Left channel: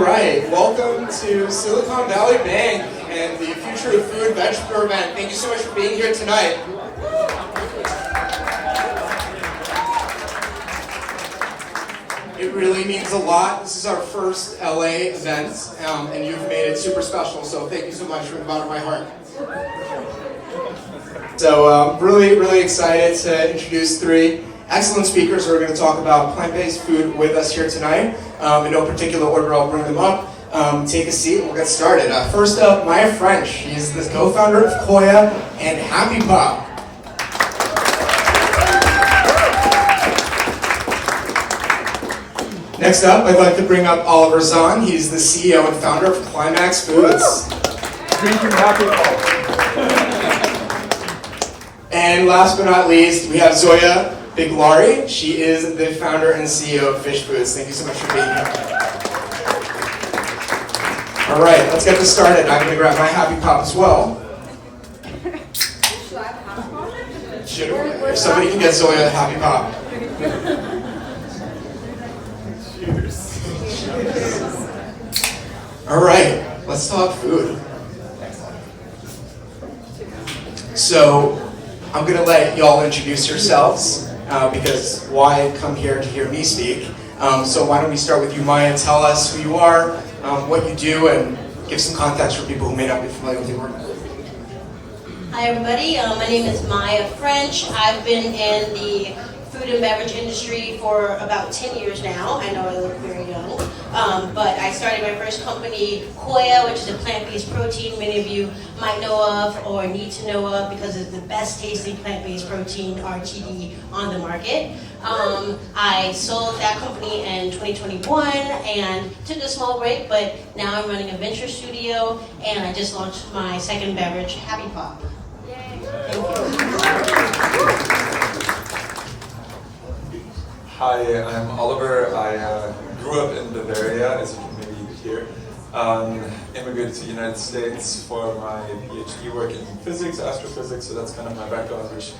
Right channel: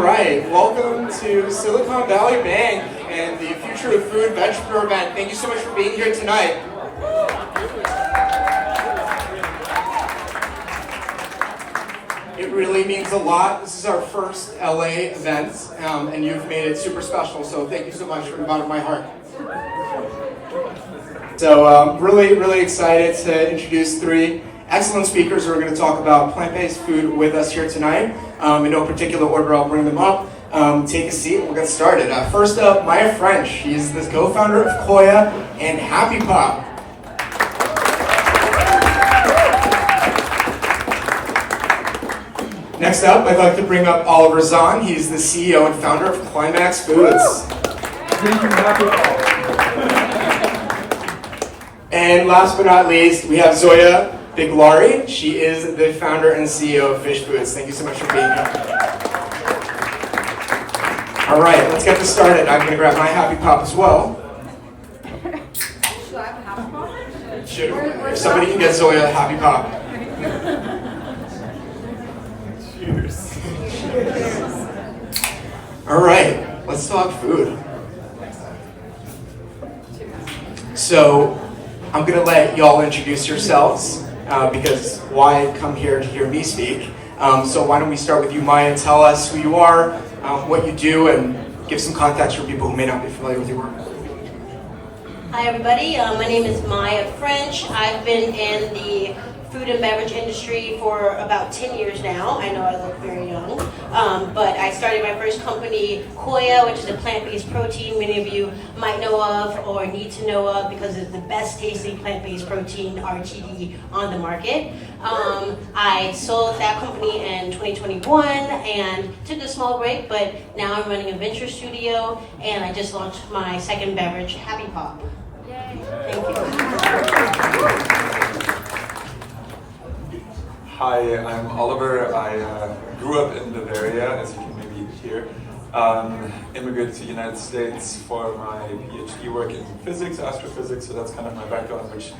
right, welcome to Silicon Valley Bank and the Future of Food VEGPRENEUR event. Thank you so much for being here tonight. It really means a lot. This is our first LA event, and you've made it super special, so thank you so much from the bottom of my heart. So really excited to introduce three excellent speakers who are going to talk about plant-based food with us here tonight. In no particular order, I'll bring them up. Take a seat, we'll get started. First up, Maya French. She's the co-founder of Koia and Happy Pop. Next up, I'd like to bring up Oliver Zahn. He's the CEO and founder of Climax Foods. Drinking Happy Pop. And last but not least, we have Zoya Biglary. She is the founder and CEO of Fysh Foods. Thank you so much for being here. All right, let's get this started. I'm going to grab my Happy Pop as well. Should I have a Happy Pop? If somebody can get Zoya a Happy Pop. Cheers. All right, let's talk food. So, I'm going to let y'all introduce yourselves, because why come here to hear me speak? So why don't we start with you, Maya, and tell us who you are, what you do, and give some context for people who may not be familiar with your work. Hi everybody, my name is Maya French. I've been in the food and beverage industry for about 10 years now. I know I look very young, but I started my first company, Koia, which is a plant-based protein many of you might know of or need to know of because it's the best tasting plant-based protein, RTD, on the market. I sold that company in 2021 and took a small break, but now I'm running a venture studio and I just launched my second beverage, Happy Pop. Thank you. Hi, I'm Oliver. I grew up in Bavaria, as you can maybe hear. Immigrated to the United States for my PhD work in physics, astrophysics, so that's kind of my background, which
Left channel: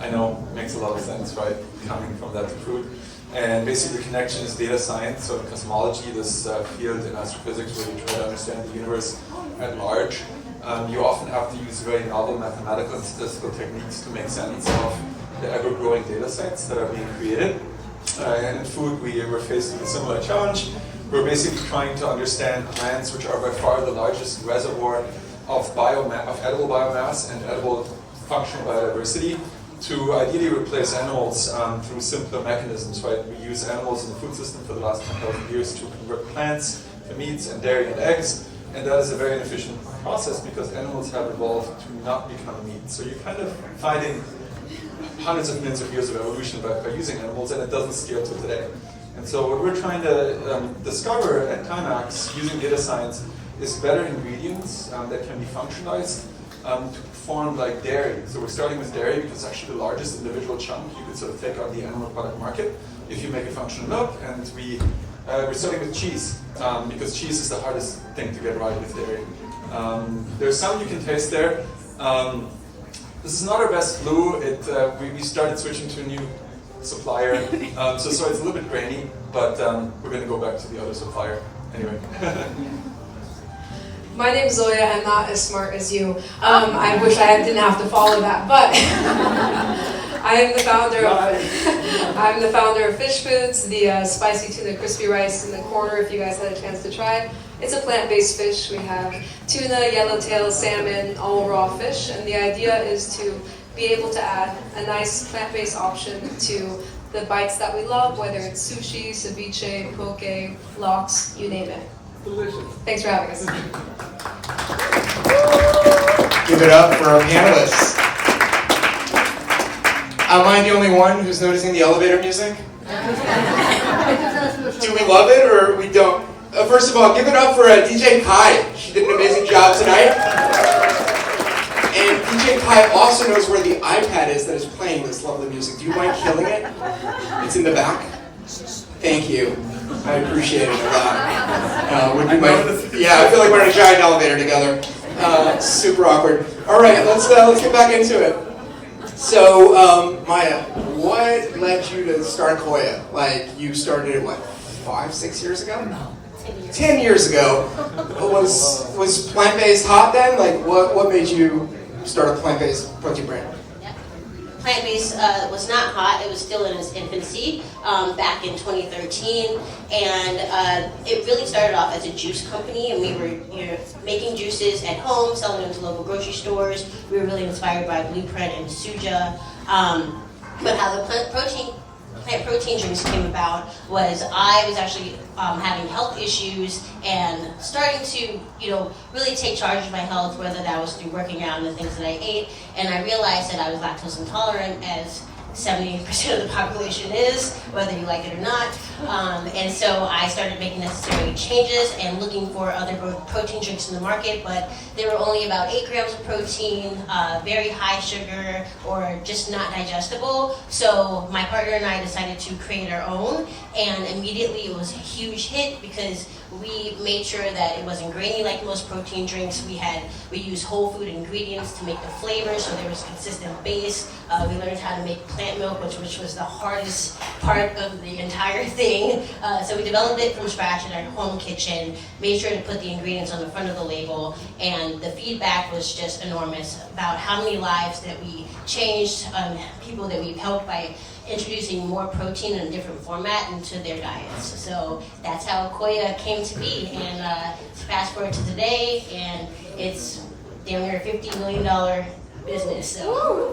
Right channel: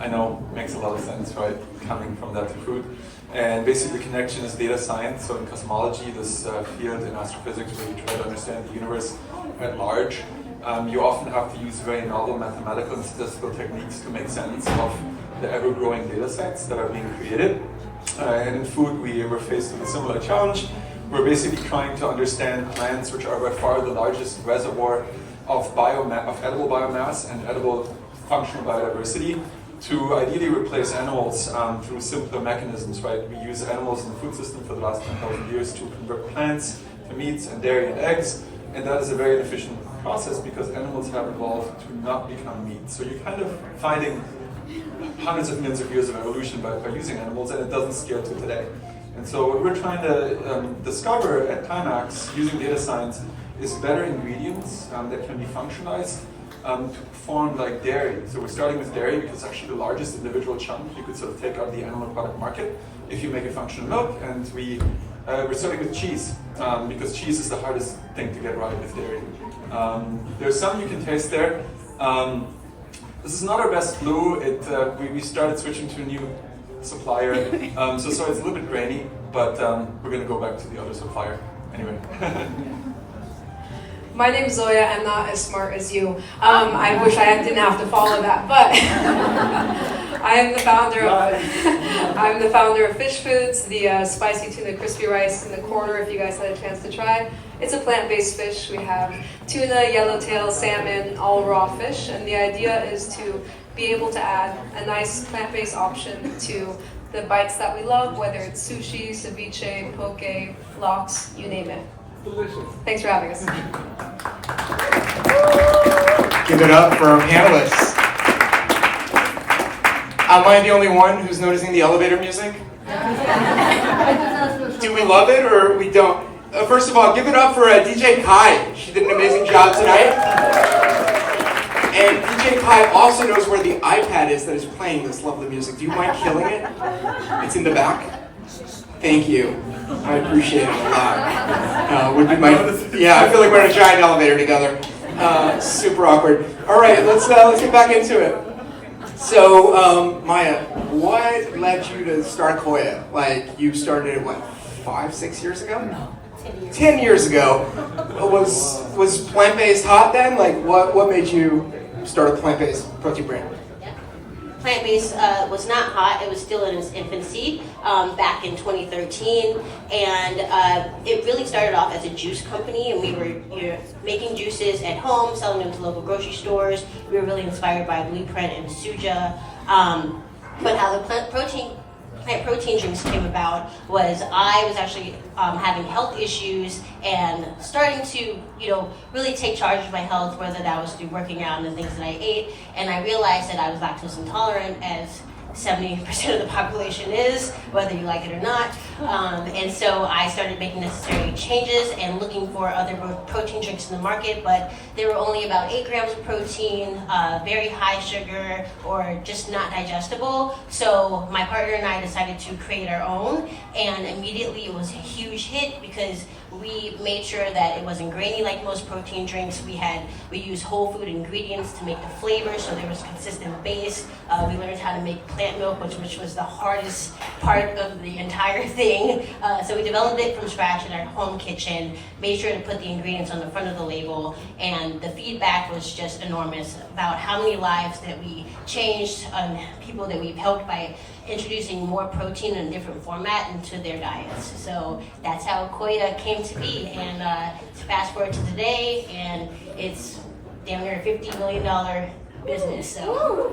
I know makes a lot of sense, right, coming from that to food. And basically the connection is data science, so in cosmology, this field in astrophysics where you try to understand the universe at large, you often have to use very novel mathematical and statistical techniques to make sense of the ever-growing data sets that are being created. And in food, we were faced with a similar challenge. We're basically trying to understand plants, which are by far the largest reservoir of edible biomass and edible functional biodiversity, to ideally replace animals through simpler mechanisms, right? We use animals in the food system for the last 10,000 years to convert plants to meats and dairy and eggs, and that is a very inefficient process because animals have evolved to not become meat. So you're kind of finding hundreds of millions of years of evolution by using animals, and it doesn't scale to today. And so what we're trying to discover at Climax, using data science, is better ingredients that can be functionalized to perform like dairy. So we're starting with dairy because it's actually the largest individual chunk you could sort of take out the animal product market if you make a functional milk. And we're starting with cheese because cheese is the hardest thing to get right with dairy. There's some you can taste there. This is not our best blue. We started switching to a new supplier, so it's a little bit grainy, but we're going to go back to the other supplier anyway. My name's Zoya. I'm not as smart as you. I wish I didn't have to follow that, but I'm the founder of Fysh Foods, the spicy tuna crispy rice in the corner. If you guys had a chance to try, it's a plant-based fish. We have tuna, yellowtail, salmon, all raw fish, and the idea is to be able to add a nice plant-based option to the bites that we love, whether it's sushi, ceviche, poke, lox, you name it. Delicious. Thanks for having us. Give it up for our panelists. Am I the only one who's noticing the elevator music? Do we love it or we don't? First of all, give it up for DJ Kai. She did an amazing job tonight. And DJ Kai also knows where the iPad is that is playing this lovely music. Do you mind killing it? It's in the back. Thank you. I appreciate it a lot. I feel like we're in a giant elevator together. Super awkward. All right, let's get back into it. So, Maya, what led you to start Koia? Like, you started it, what, 5-6 years ago? No, 10 years. 10 years ago. Was plant-based hot then? Like, what made you start a plant-based protein brand? Yep. Plant-based was not hot. It was still in its infancy back in 2013, and it really started off as a juice company, and we were making juices at home, selling them to local grocery stores. We were really inspired by Blueprint and Suja. But how the plant protein drinks came about was I was actually having health issues and starting to, really take charge of my health, whether that was through working out and the things that I ate. And I realized that I was lactose intolerant, as 70% of the population is, whether you like it or not. And so I started making necessary changes and looking for other protein drinks in the market, but they were only about 8 grams of protein, very high sugar, or just not digestible. So my partner and I decided to create our own, and immediately it was a huge hit because we made sure that it wasn't grainy like most protein drinks. We used whole food ingredients to make the flavor, so there was consistent base. We learned how to make plant milk, which was the hardest part of the entire thing. So we developed it from scratch in our home kitchen, made sure to put the ingredients on the front of the label, and the feedback was just enormous about how many lives that we changed, people that we've helped by introducing more protein in a different format into their diets. So that's how Koia came to be, and fast forward to today, and it's damn near a $50 million business. So.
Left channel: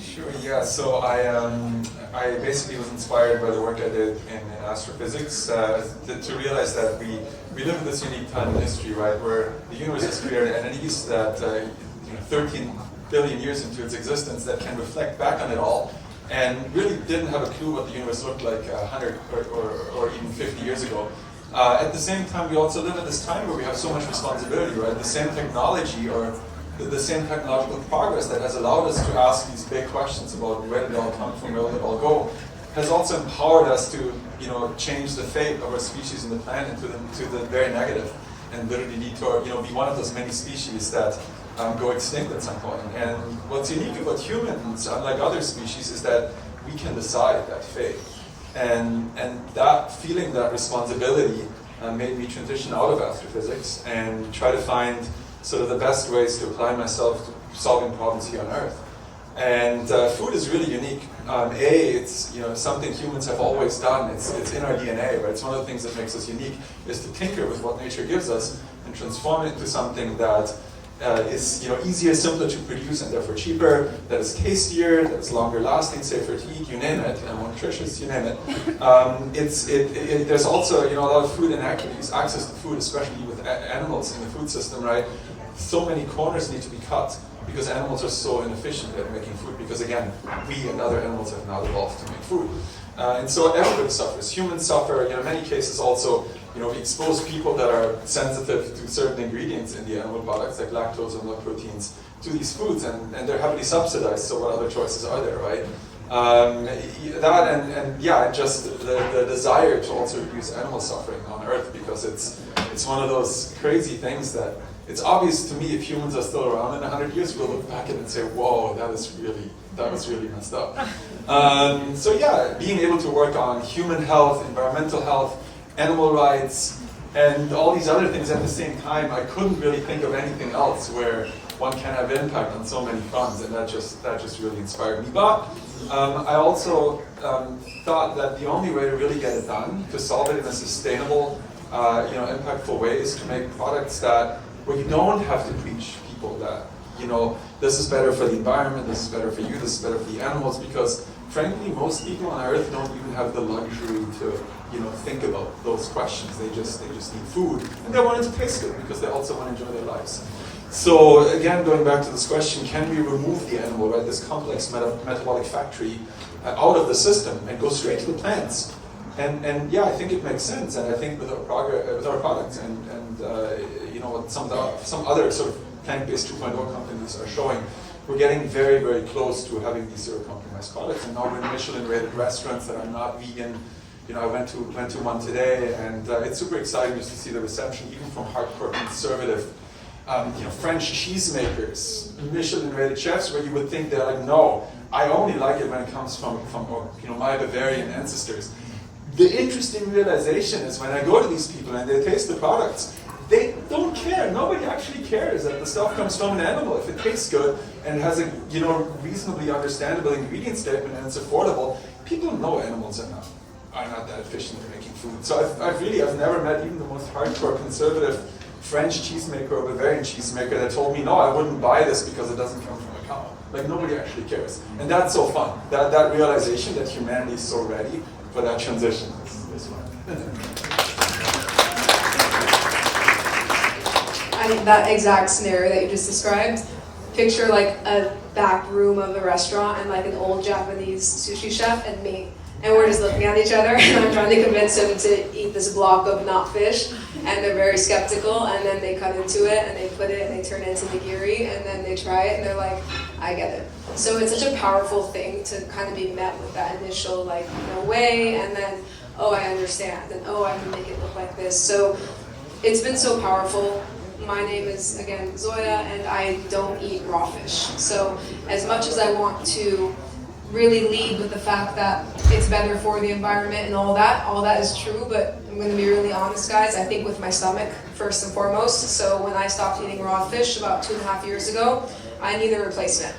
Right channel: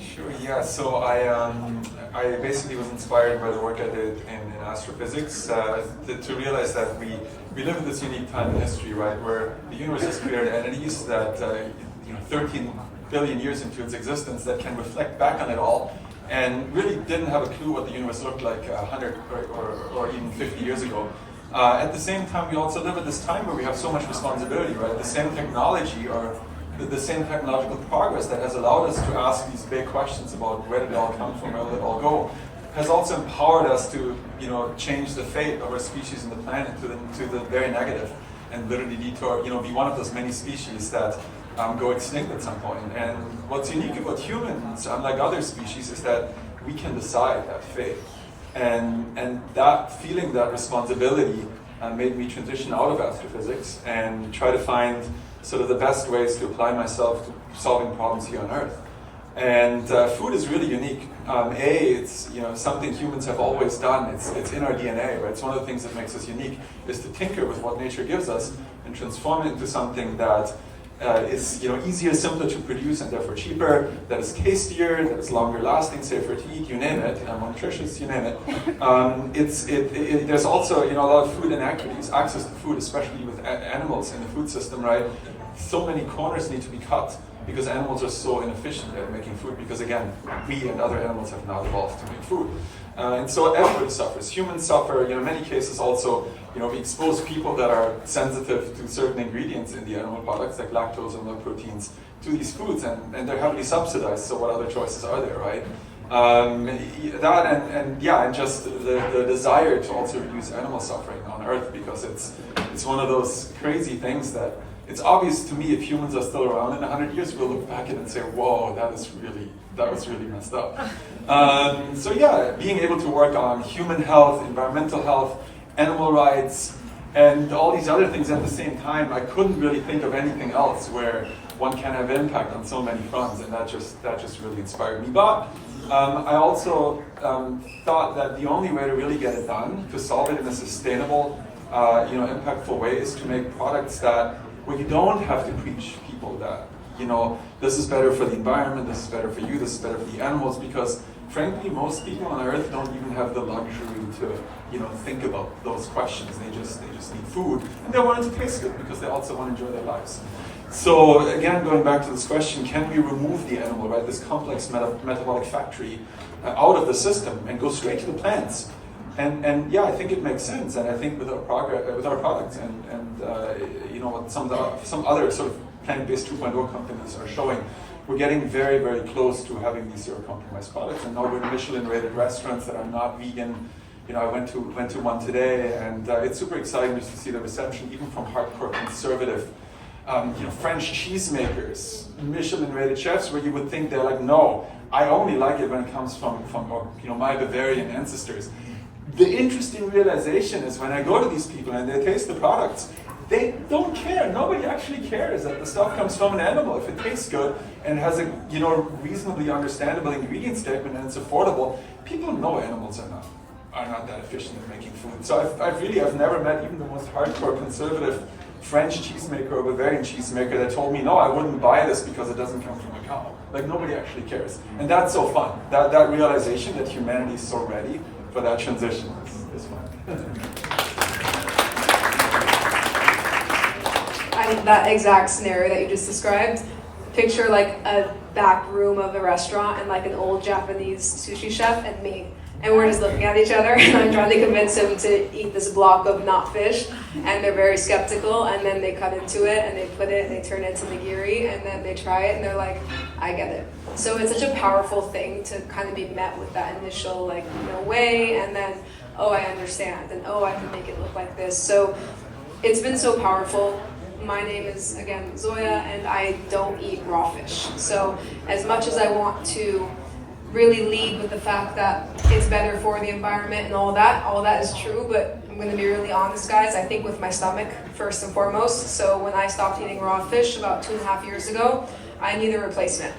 Sure, yeah, so I basically was inspired by the work I did in astrophysics to realize that we live in this unique time in history, right, where the universe has created entities that 13 billion years into its existence that can reflect back on it all, and really didn't have a clue what the universe looked like 100 or even 50 years ago. At the same time, we also live in this time where we have so much responsibility, right? The same technology or the same technological progress that has allowed us to ask these big questions about where did it all come from, where did it all go, has also empowered us to, change the fate of our species and the planet to the very negative, and literally need to, be one of those many species that go extinct at some point. And what's unique about humans, unlike other species, is that we can decide that fate. And that feeling, that responsibility, made me transition out of astrophysics and try to find sort of the best ways to apply myself to solving problems here on Earth. And food is really unique. It's something humans have always done. It's in our DNA, right? It's one of the things that makes us unique is to tinker with what nature gives us and transform it into something that is easier, simpler to produce, and therefore cheaper, that is tastier, that is longer lasting, safer to eat, you name it, more nutritious, you name it. There's also a lot of food inequities, access to food, especially with animals in the food system, right? So many corners need to be cut because animals are so inefficient at making food, because again, we and other animals have now evolved to make food. And so everybody suffers. Humans suffer. In many cases also, we expose people that are sensitive to certain ingredients in the animal products, like lactose and milk proteins, to these foods, and they're heavily subsidized, so what other choices are there, right? And just the desire to also reduce animal suffering on Earth, because it's one of those crazy things that it's obvious to me if humans are still around in 100 years, we'll look back at it and say, whoa, that was really messed up. Being able to work on human health, environmental health, animal rights, and all these other things at the same time, I couldn't really think of anything else where one can have impact on so many fronts, and that just really inspired me. But I also thought that the only way to really get it done, to solve it in a sustainable, impactful way, is to make products where you don't have to preach people that, this is better for the environment, this is better for you, this is better for the animals, because frankly, most people on Earth don't even have the luxury to, think about those questions. They just need food, and they want it to taste good because they also want to enjoy their lives. So again, going back to this question, can we remove the animal, right, this complex metabolic factory, out of the system and go straight to the plants? And yeah, I think it makes sense, and I think with our products and what some other sort of plant-based 2.0 companies are showing, we're getting very, very close to having these zero-compromise products, and now we're in Michelin-rated restaurants that are not vegan. I went to one today, and it's super exciting just to see the reception, even from hardcore conservative, French cheesemakers, Michelin-rated chefs, where you would think they're like, no, I only like it when it comes from my Bavarian ancestors. The interesting realization is when I go to these people and they taste the products, they don't care. Nobody actually cares that the stuff comes from an animal. If it tastes good and has a reasonably understandable ingredient statement and it's affordable, people know animals are not that efficient in making food. So I've never met even the most hardcore conservative French cheesemaker or Bavarian cheesemaker that told me, no, I wouldn't buy this because it doesn't come from a cow. Like, nobody actually cares. And that's so fun. That realization that humanity is so ready for that transition is fun. I think that exact scenario that you just described, picture like a back room of a restaurant and like an old Japanese sushi chef and me. And we're just looking at each other and I'm trying to convince them to eat this block of not fish. And they're very skeptical, and then they cut into it and they put it and they turn it into nigiri, and then they try it and they're like, I get it. So it's such a powerful thing to kind of be met with that initial like, way, and then, oh, I understand, and oh, I can make it look like this. So it's been so powerful. My name is, again, Zoya, and I don't eat raw fish. So as much as I want to really lead with the fact that it's better for the environment and all that is true, but I'm going to be really honest, guys, I think with my stomach, first and foremost. So when I stopped eating raw fish about 2.5 years ago, I needed a replacement.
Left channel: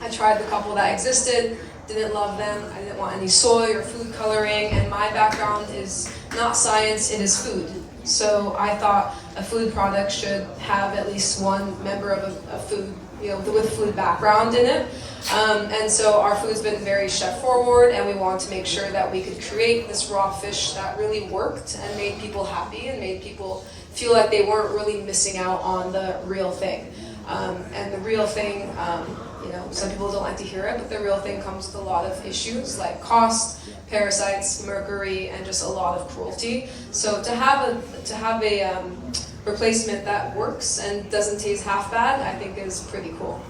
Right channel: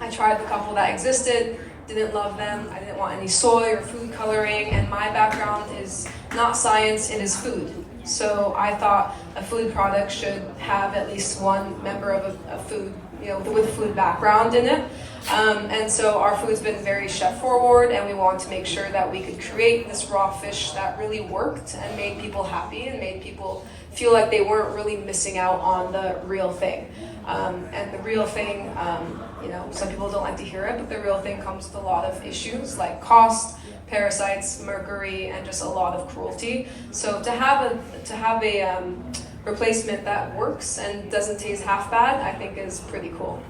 I tried the couple that existed, didn't love them, I didn't want any soy or food coloring, and my background is not science, it is food. So I thought a food product should have at least one member of a food, with food background in it. And so our food's been very chef forward, and we wanted to make sure that we could create this raw fish that really worked and made people happy and made people feel like they weren't really missing out on the real thing. And the real thing, some people don't like to hear it, but the real thing comes with a lot of issues like cost, parasites, mercury, and just a lot of cruelty. So to have a replacement that works and doesn't taste half bad, I think is pretty cool.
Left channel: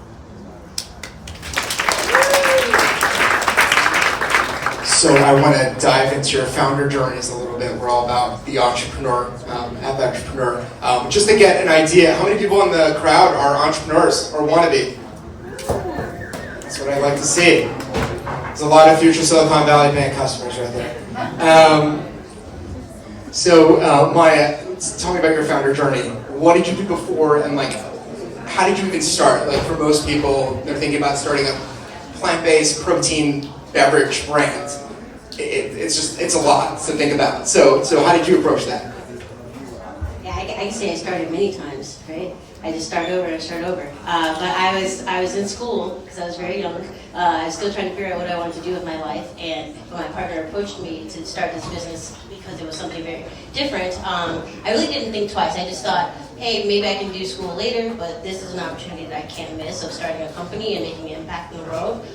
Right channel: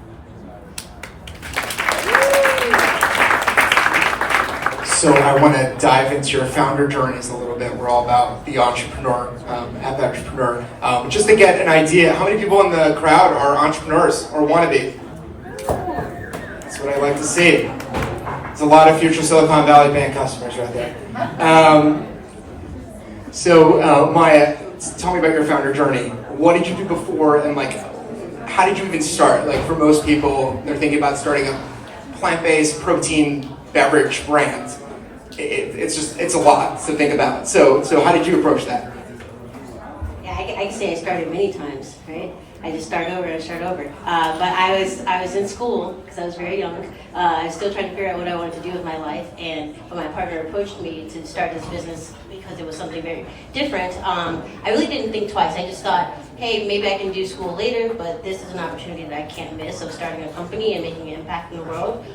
So I want to dive into your founder journeys a little bit. We're all about the entrepreneur, have the entrepreneur. Just to get an idea, how many people in the crowd are entrepreneurs or want to be? That's what I'd like to see. There's a lot of future Silicon Valley Bank customers right there. So Maya, tell me about your founder journey. What did you do before, and how did you even start? Like, for most people, they're thinking about starting a plant-based protein beverage brand. It's a lot to think about. So how did you approach that? Yeah, I can say I started many times, right? I just start over. But I was in school because I was very young. I was still trying to figure out what I wanted to do with my life, and my partner approached me to start this business because it was something very different. I really didn't think twice. I just thought, hey, maybe I can do school later, but this is an opportunity that I can't miss of starting a company and making an impact in the world.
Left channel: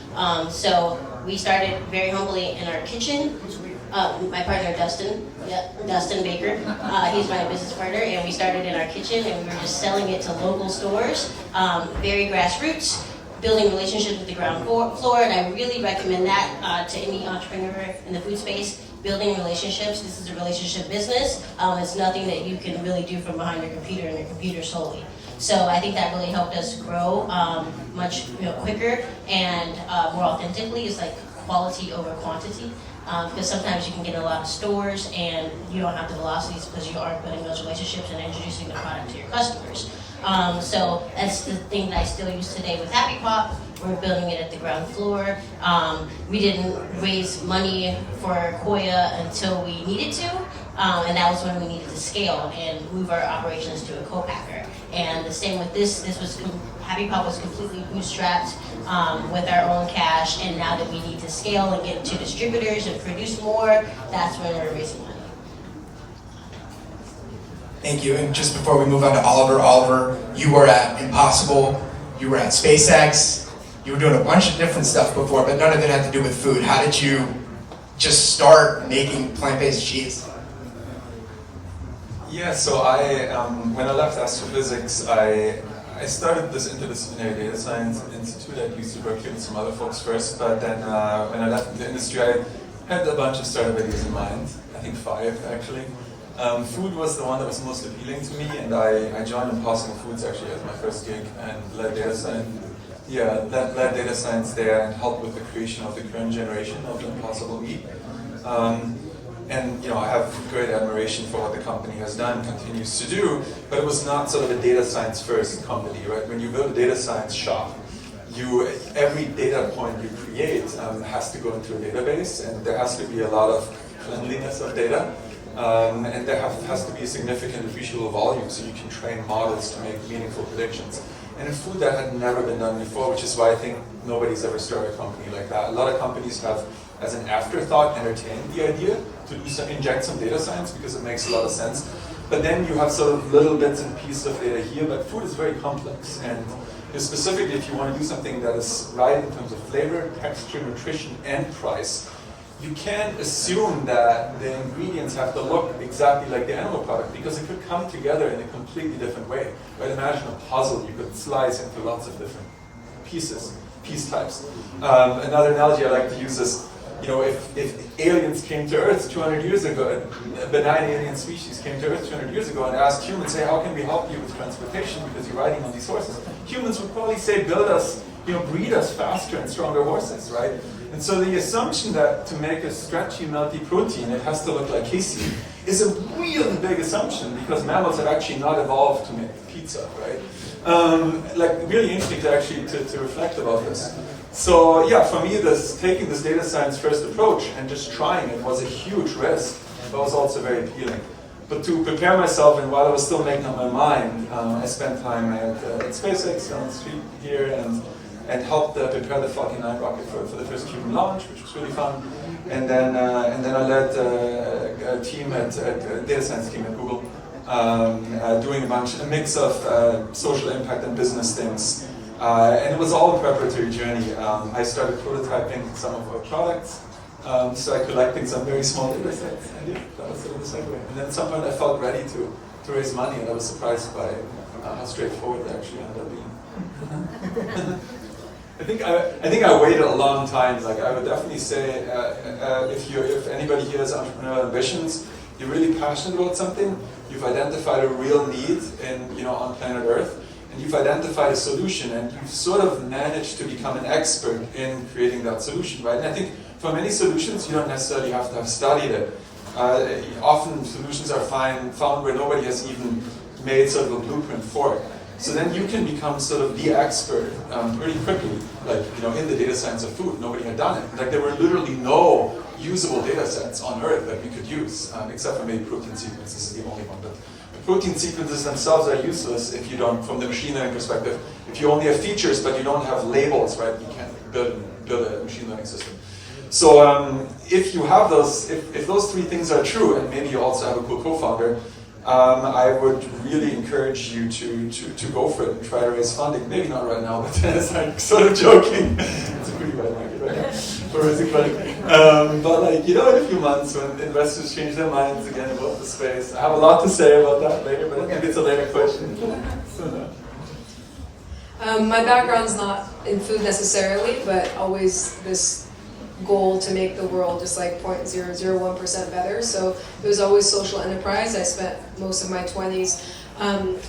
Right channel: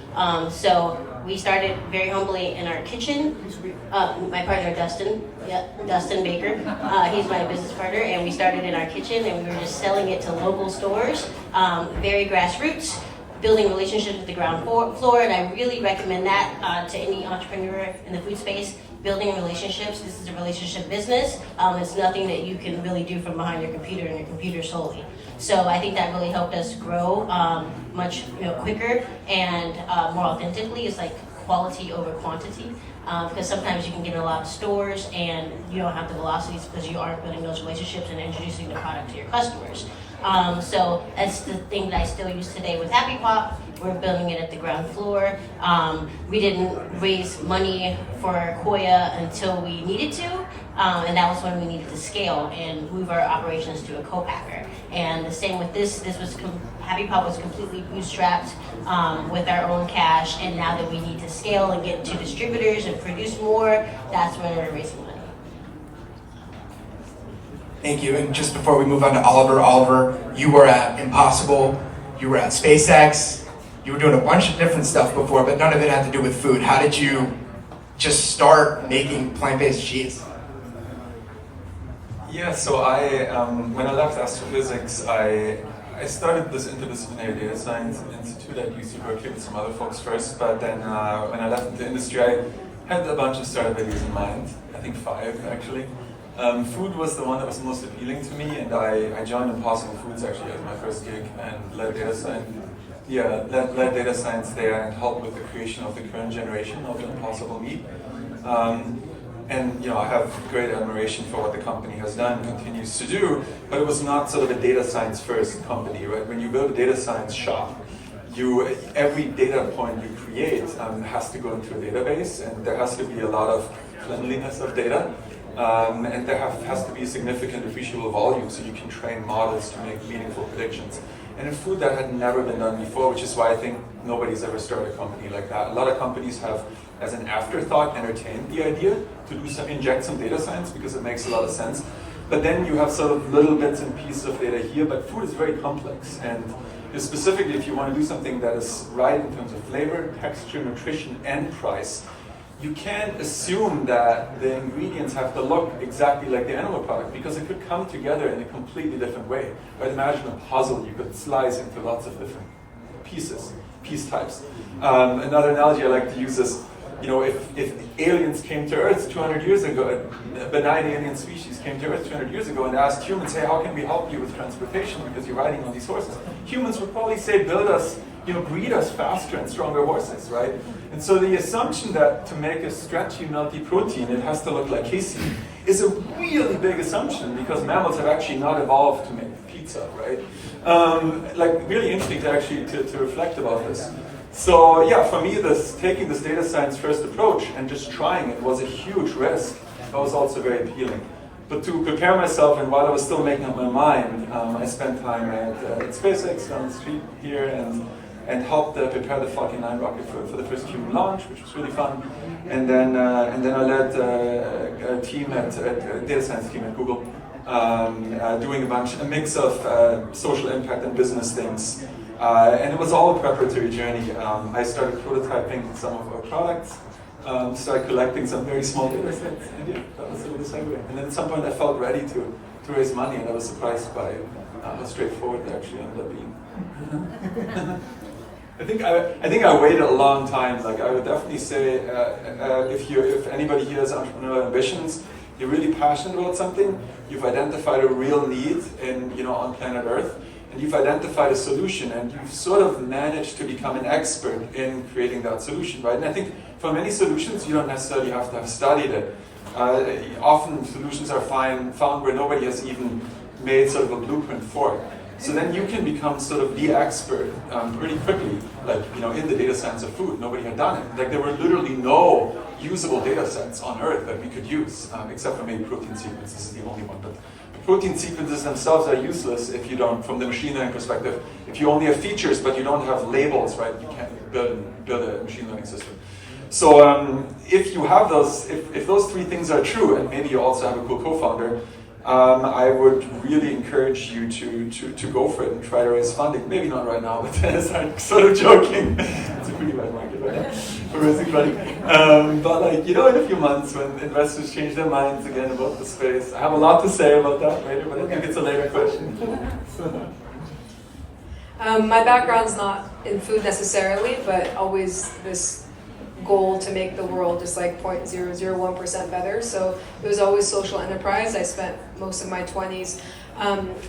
So we started very humbly in our kitchen. My partner, Dustin Baker, he's my business partner, and we started in our kitchen, and we were just selling it to local stores, very grassroots, building relationships at the ground floor, and I really recommend that to any entrepreneur in the food space. Building relationships. This is a relationship business. It's nothing that you can really do from behind your computer and your computer solely. So I think that really helped us grow much quicker and more authentically. It's like quality over quantity. Because sometimes you can get a lot of stores and you don't have the velocities because you aren't building those relationships and introducing the product to your customers. So that's the thing that I still use today with Happy Pop. We're building it at the ground floor. We didn't raise money for Koia until we needed to, and that was when we needed to scale and move our operations to a co-packer. And the same with this. Happy Pop was completely bootstrapped with our own cash, and now that we need to scale and get to distributors and produce more, that's when we're raising money. Thank you. And just before we move on to Oliver, you were at Impossible, you were at SpaceX, you were doing a bunch of different stuff before, but none of it had to do with food. How did you just start making plant-based cheese? Yeah, so when I left astrophysics, I started this interdisciplinary data science institute at UC Berkeley with some other folks first, but then when I left the industry, I had a bunch of startup ideas in mind, I think 5 actually. Food was the one that was most appealing to me, and I joined Impossible Foods actually as my first gig and led data science led data science there and helped with the creation of the current generation of Impossible Meat. And I have great admiration for what the company has done and continues to do, but it was not sort of a data science first company, right? When you build a data science shop, every data point you create has to go into a database, and there has to be a lot of cleanliness of data, and there has to be significant appreciable volume so you can train models to make meaningful predictions. And in food, that had never been done before, which is why I think nobody's ever started a company like that. A lot of companies have, as an afterthought, entertained the idea to inject some data science because it makes a lot of sense. But then you have sort of little bits and pieces of data here, but food is very complex. And specifically, if you want to do something that is right in terms of flavor, texture, nutrition, and price, you can't assume that the ingredients have to look exactly like the animal product because it could come together in a completely different way. Right? Imagine a puzzle you could slice into lots of different piece types. Another analogy I like to use is, if aliens came to Earth 200 years ago, a benign alien species came to Earth 200 years ago and asked humans, hey, how can we help you with transportation because you're riding on these horses? Humans would probably say, build us, breed us faster and stronger horses, right? And so the assumption that to make a stretchy, melty protein, it has to look like casein is a really big assumption because mammals have actually not evolved to make pizza, right? Really interesting to actually to reflect about this. So yeah, for me, taking this data science first approach and just trying it was a huge risk, but was also very appealing. But to prepare myself, and while I was still making up my mind, I spent time at SpaceX on the street here and helped prepare the Falcon 9 rocket for the first Cuban launch, which was really fun. And then I led a team a data science team at Google, doing a mix of social impact and business things. And it was all a preparatory journey. I started prototyping some of our products, started collecting some very small data sets, and yeah, that was sort of the segue. And then at some point I felt ready to raise money, and I was surprised by how straightforward it actually ended up being. I think I waited a long time. Like I would definitely say, if anybody here has entrepreneurial ambitions, you're really passionate about something, you've identified a real need on planet Earth, and you've identified a solution, and you've sort of managed to become an expert in creating that solution, right? And I think for many solutions, you don't necessarily have to have studied it. Often solutions are found where nobody has even made sort of a blueprint for it. So then you can become sort of the expert pretty quickly, in the data science of food. Nobody had done it. Like there were literally no usable data sets on Earth that we could use, except for maybe protein sequences is the only one. But protein sequences themselves are useless if you don't, from the machine learning perspective, if you only have features but you don't have labels, right? You can't build a machine learning system. So if you have those, if those three things are true, and maybe you also have a cool co-founder, I would really encourage you to go for it and try to raise funding. Maybe not right now, but I'm sort of joking. It's a pretty bad market right now for raising funding. But in a few months when investors change their minds again about the space, I have a lot to say about that later, but I think it's a later question. My background's not in food necessarily, but always this goal to make the world just like 0.001% better. So it was always social enterprise. I spent most of my 20s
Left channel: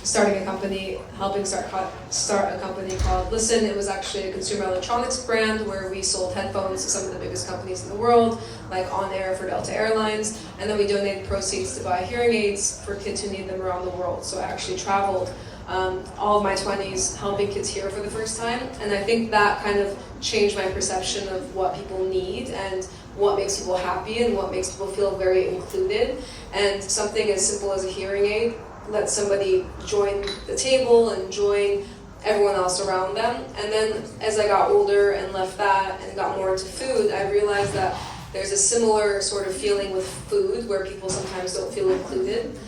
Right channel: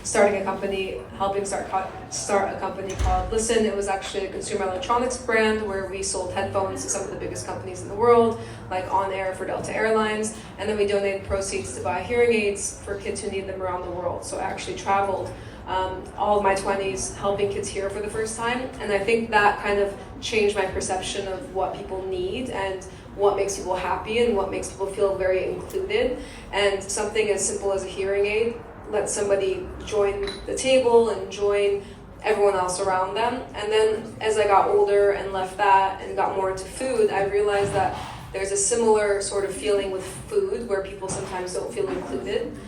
starting a company, helping start a company called Listen. It was actually a consumer electronics brand where we sold headphones to some of the biggest companies in the world, like On Air for Delta Airlines, and then we donated proceeds to buy hearing aids for kids who need them around the world. So I actually traveled all of my 20s helping kids hear for the first time, and I think that kind of changed my perception of what people need and what makes people happy and what makes people feel very included. And something as simple as a hearing aid lets somebody join the table and join everyone else around them. And then as I got older and left that and got more into food, I realized that there's a similar sort of feeling with food where people sometimes don't feel included.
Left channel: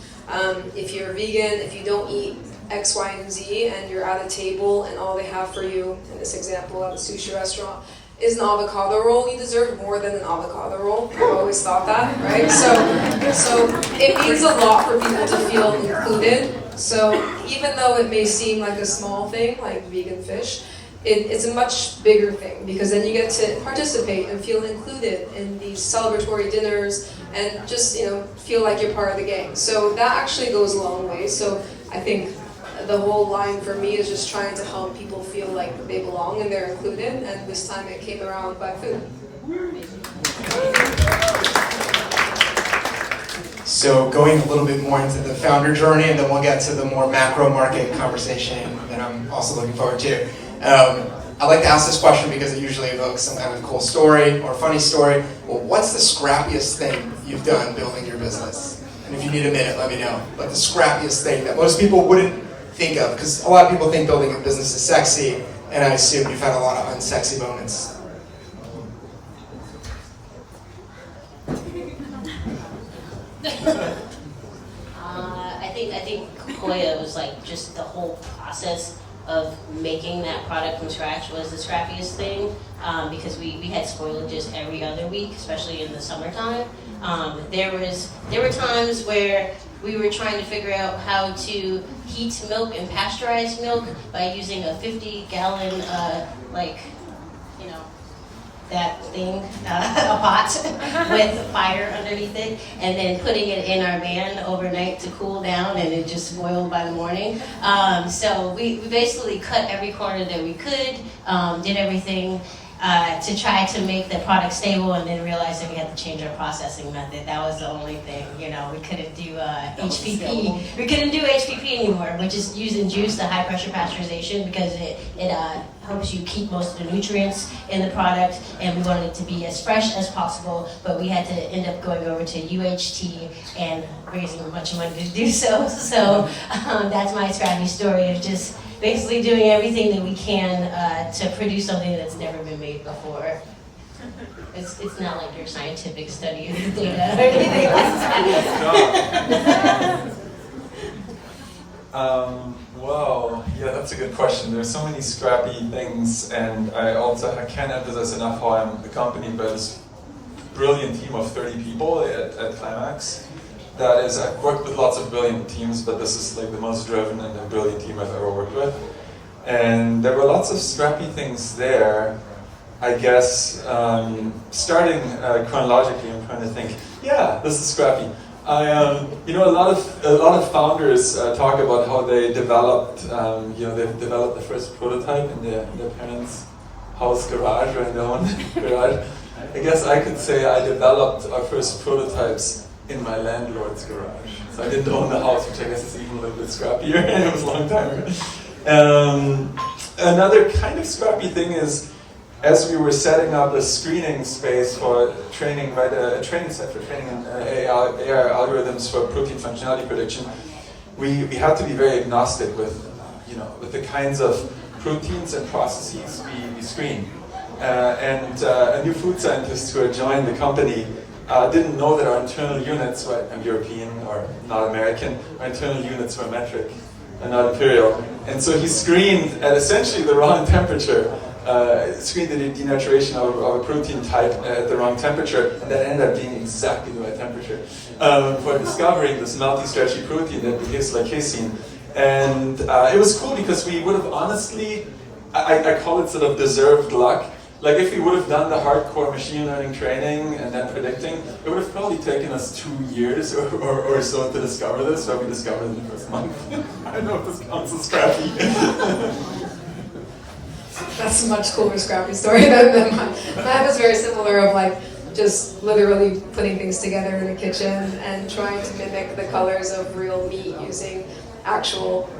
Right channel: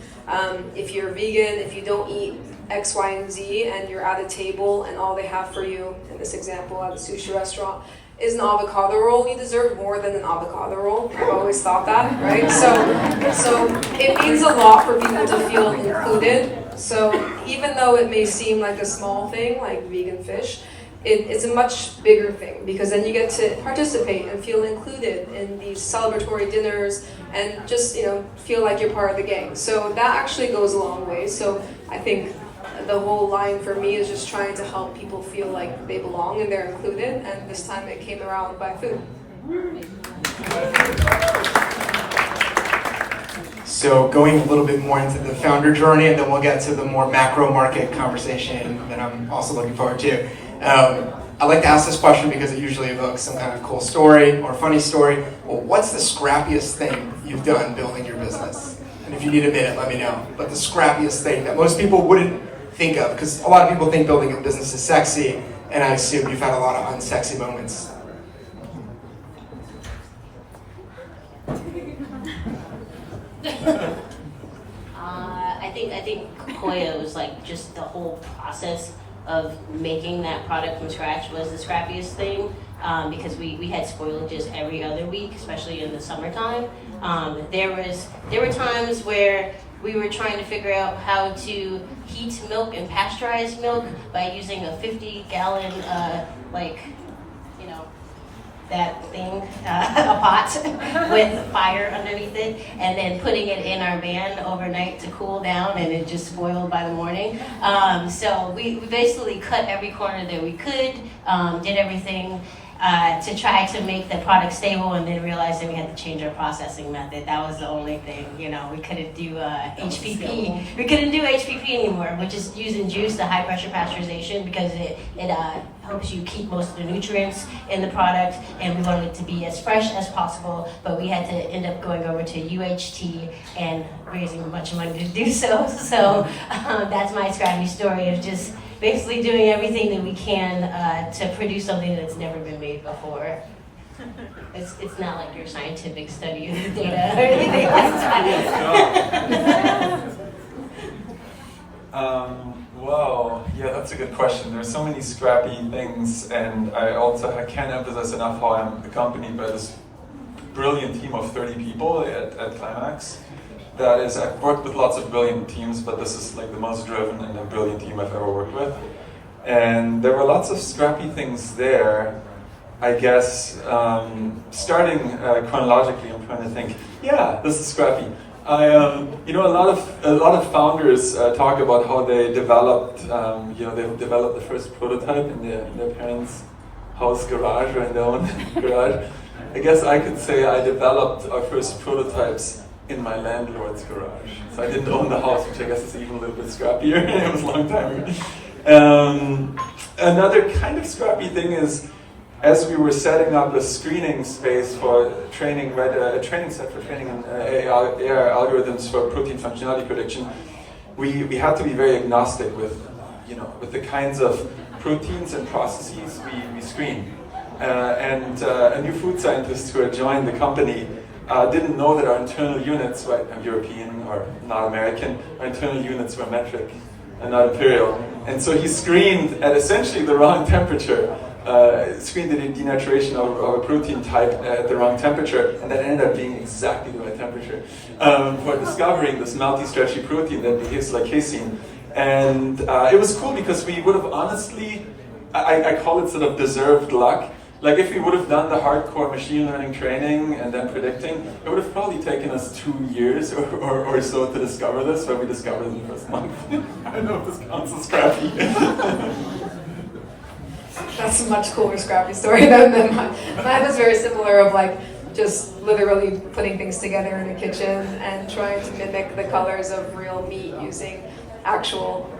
If you're vegan, if you don't eat X, Y, and Z, and you're at a table and all they have for you, in this example at a sushi restaurant, is an avocado roll, you deserve more than an avocado roll. I've always thought that, right? So it means a lot for people to feel included. So even though it may seem like a small thing, like vegan fish, it's a much bigger thing, because then you get to participate and feel included in these celebratory dinners and just feel like you're part of the game. So that actually goes a long way. So I think the whole line for me is just trying to help people feel like they belong and they're included, and this time it came around by food. So going a little bit more into the founder journey, and then we'll get to the more macro market conversation that I'm also looking forward to. I like to ask this question because it usually evokes some kind of cool story or funny story. Well, what's the scrappiest thing you've done building your business? And if you need a minute, let me know. But the scrappiest thing that most people wouldn't think of, because a lot of people think building a business is sexy, and I assume you've had a lot of unsexy moments. I think Koia was like just the whole process of making that product from scratch was the scrappiest thing, because we had spoilages every other week, especially in the summertime. There were times where we were trying to figure out how to heat milk and pasteurize milk by using a 50-gallon that thing, a pot with fire underneath it, and then putting it in our van overnight to cool down, and it just spoiled by the morning. So we basically cut every corner that we could, did everything to try to make the product stable, and then realized that we had to change our processing method. That was the only thing, we couldn't do HPP. We couldn't do HPP anymore, which is using juice, the high pressure pasteurization, because it helps you keep most of the nutrients in the product, and we wanted it to be as fresh as possible, but we had to end up going over to UHT and raising a bunch of money to do so. So that's my scrappy story of just basically doing everything that we can to produce something that's never been made before. It's not like your scientific study of the data or anything like that. Well, yeah, that's a good question. There's so many scrappy things, and I can't emphasize enough how I'm accompanied by this brilliant team of 30 people at Climax. That is, I've worked with lots of brilliant teams, but this is like the most driven and a brilliant team I've ever worked with. And there were lots of scrappy things there. I guess starting chronologically, I'm trying to think. Yeah, this is scrappy. A lot of founders talk about how they developed, they've developed the first prototype in their parents' house garage or in their own garage. I guess I could say I developed our first prototypes in my landlord's garage. So I didn't own the house, which I guess is even a little bit scrappier. It was a long time ago. Another kind of scrappy thing is, as we were setting up a screening space for training, a training set for training in AI algorithms for protein functionality prediction, we had to be very agnostic with the kinds of proteins and processes we screen. And new food scientists who had joined the company didn't know that our internal units were European or not American. Our internal units were metric and not imperial. And so he screened at essentially the wrong temperature. Screened the denaturation of a protein type at the wrong temperature, and that ended up being exactly the right temperature for discovering this melty, stretchy protein that behaves like casein. And it was cool because we would have honestly, I call it sort of deserved luck. Like if we would have done the hardcore machine learning training and then predicting, it would have probably taken us 2 years or so to discover this, but we discovered it in the first month. I don't know if this counts as scrappy. That's a much cooler scrappy story than mine. Mine was very similar of like just literally putting things together in the kitchen and trying to mimic the colors of real meat using actual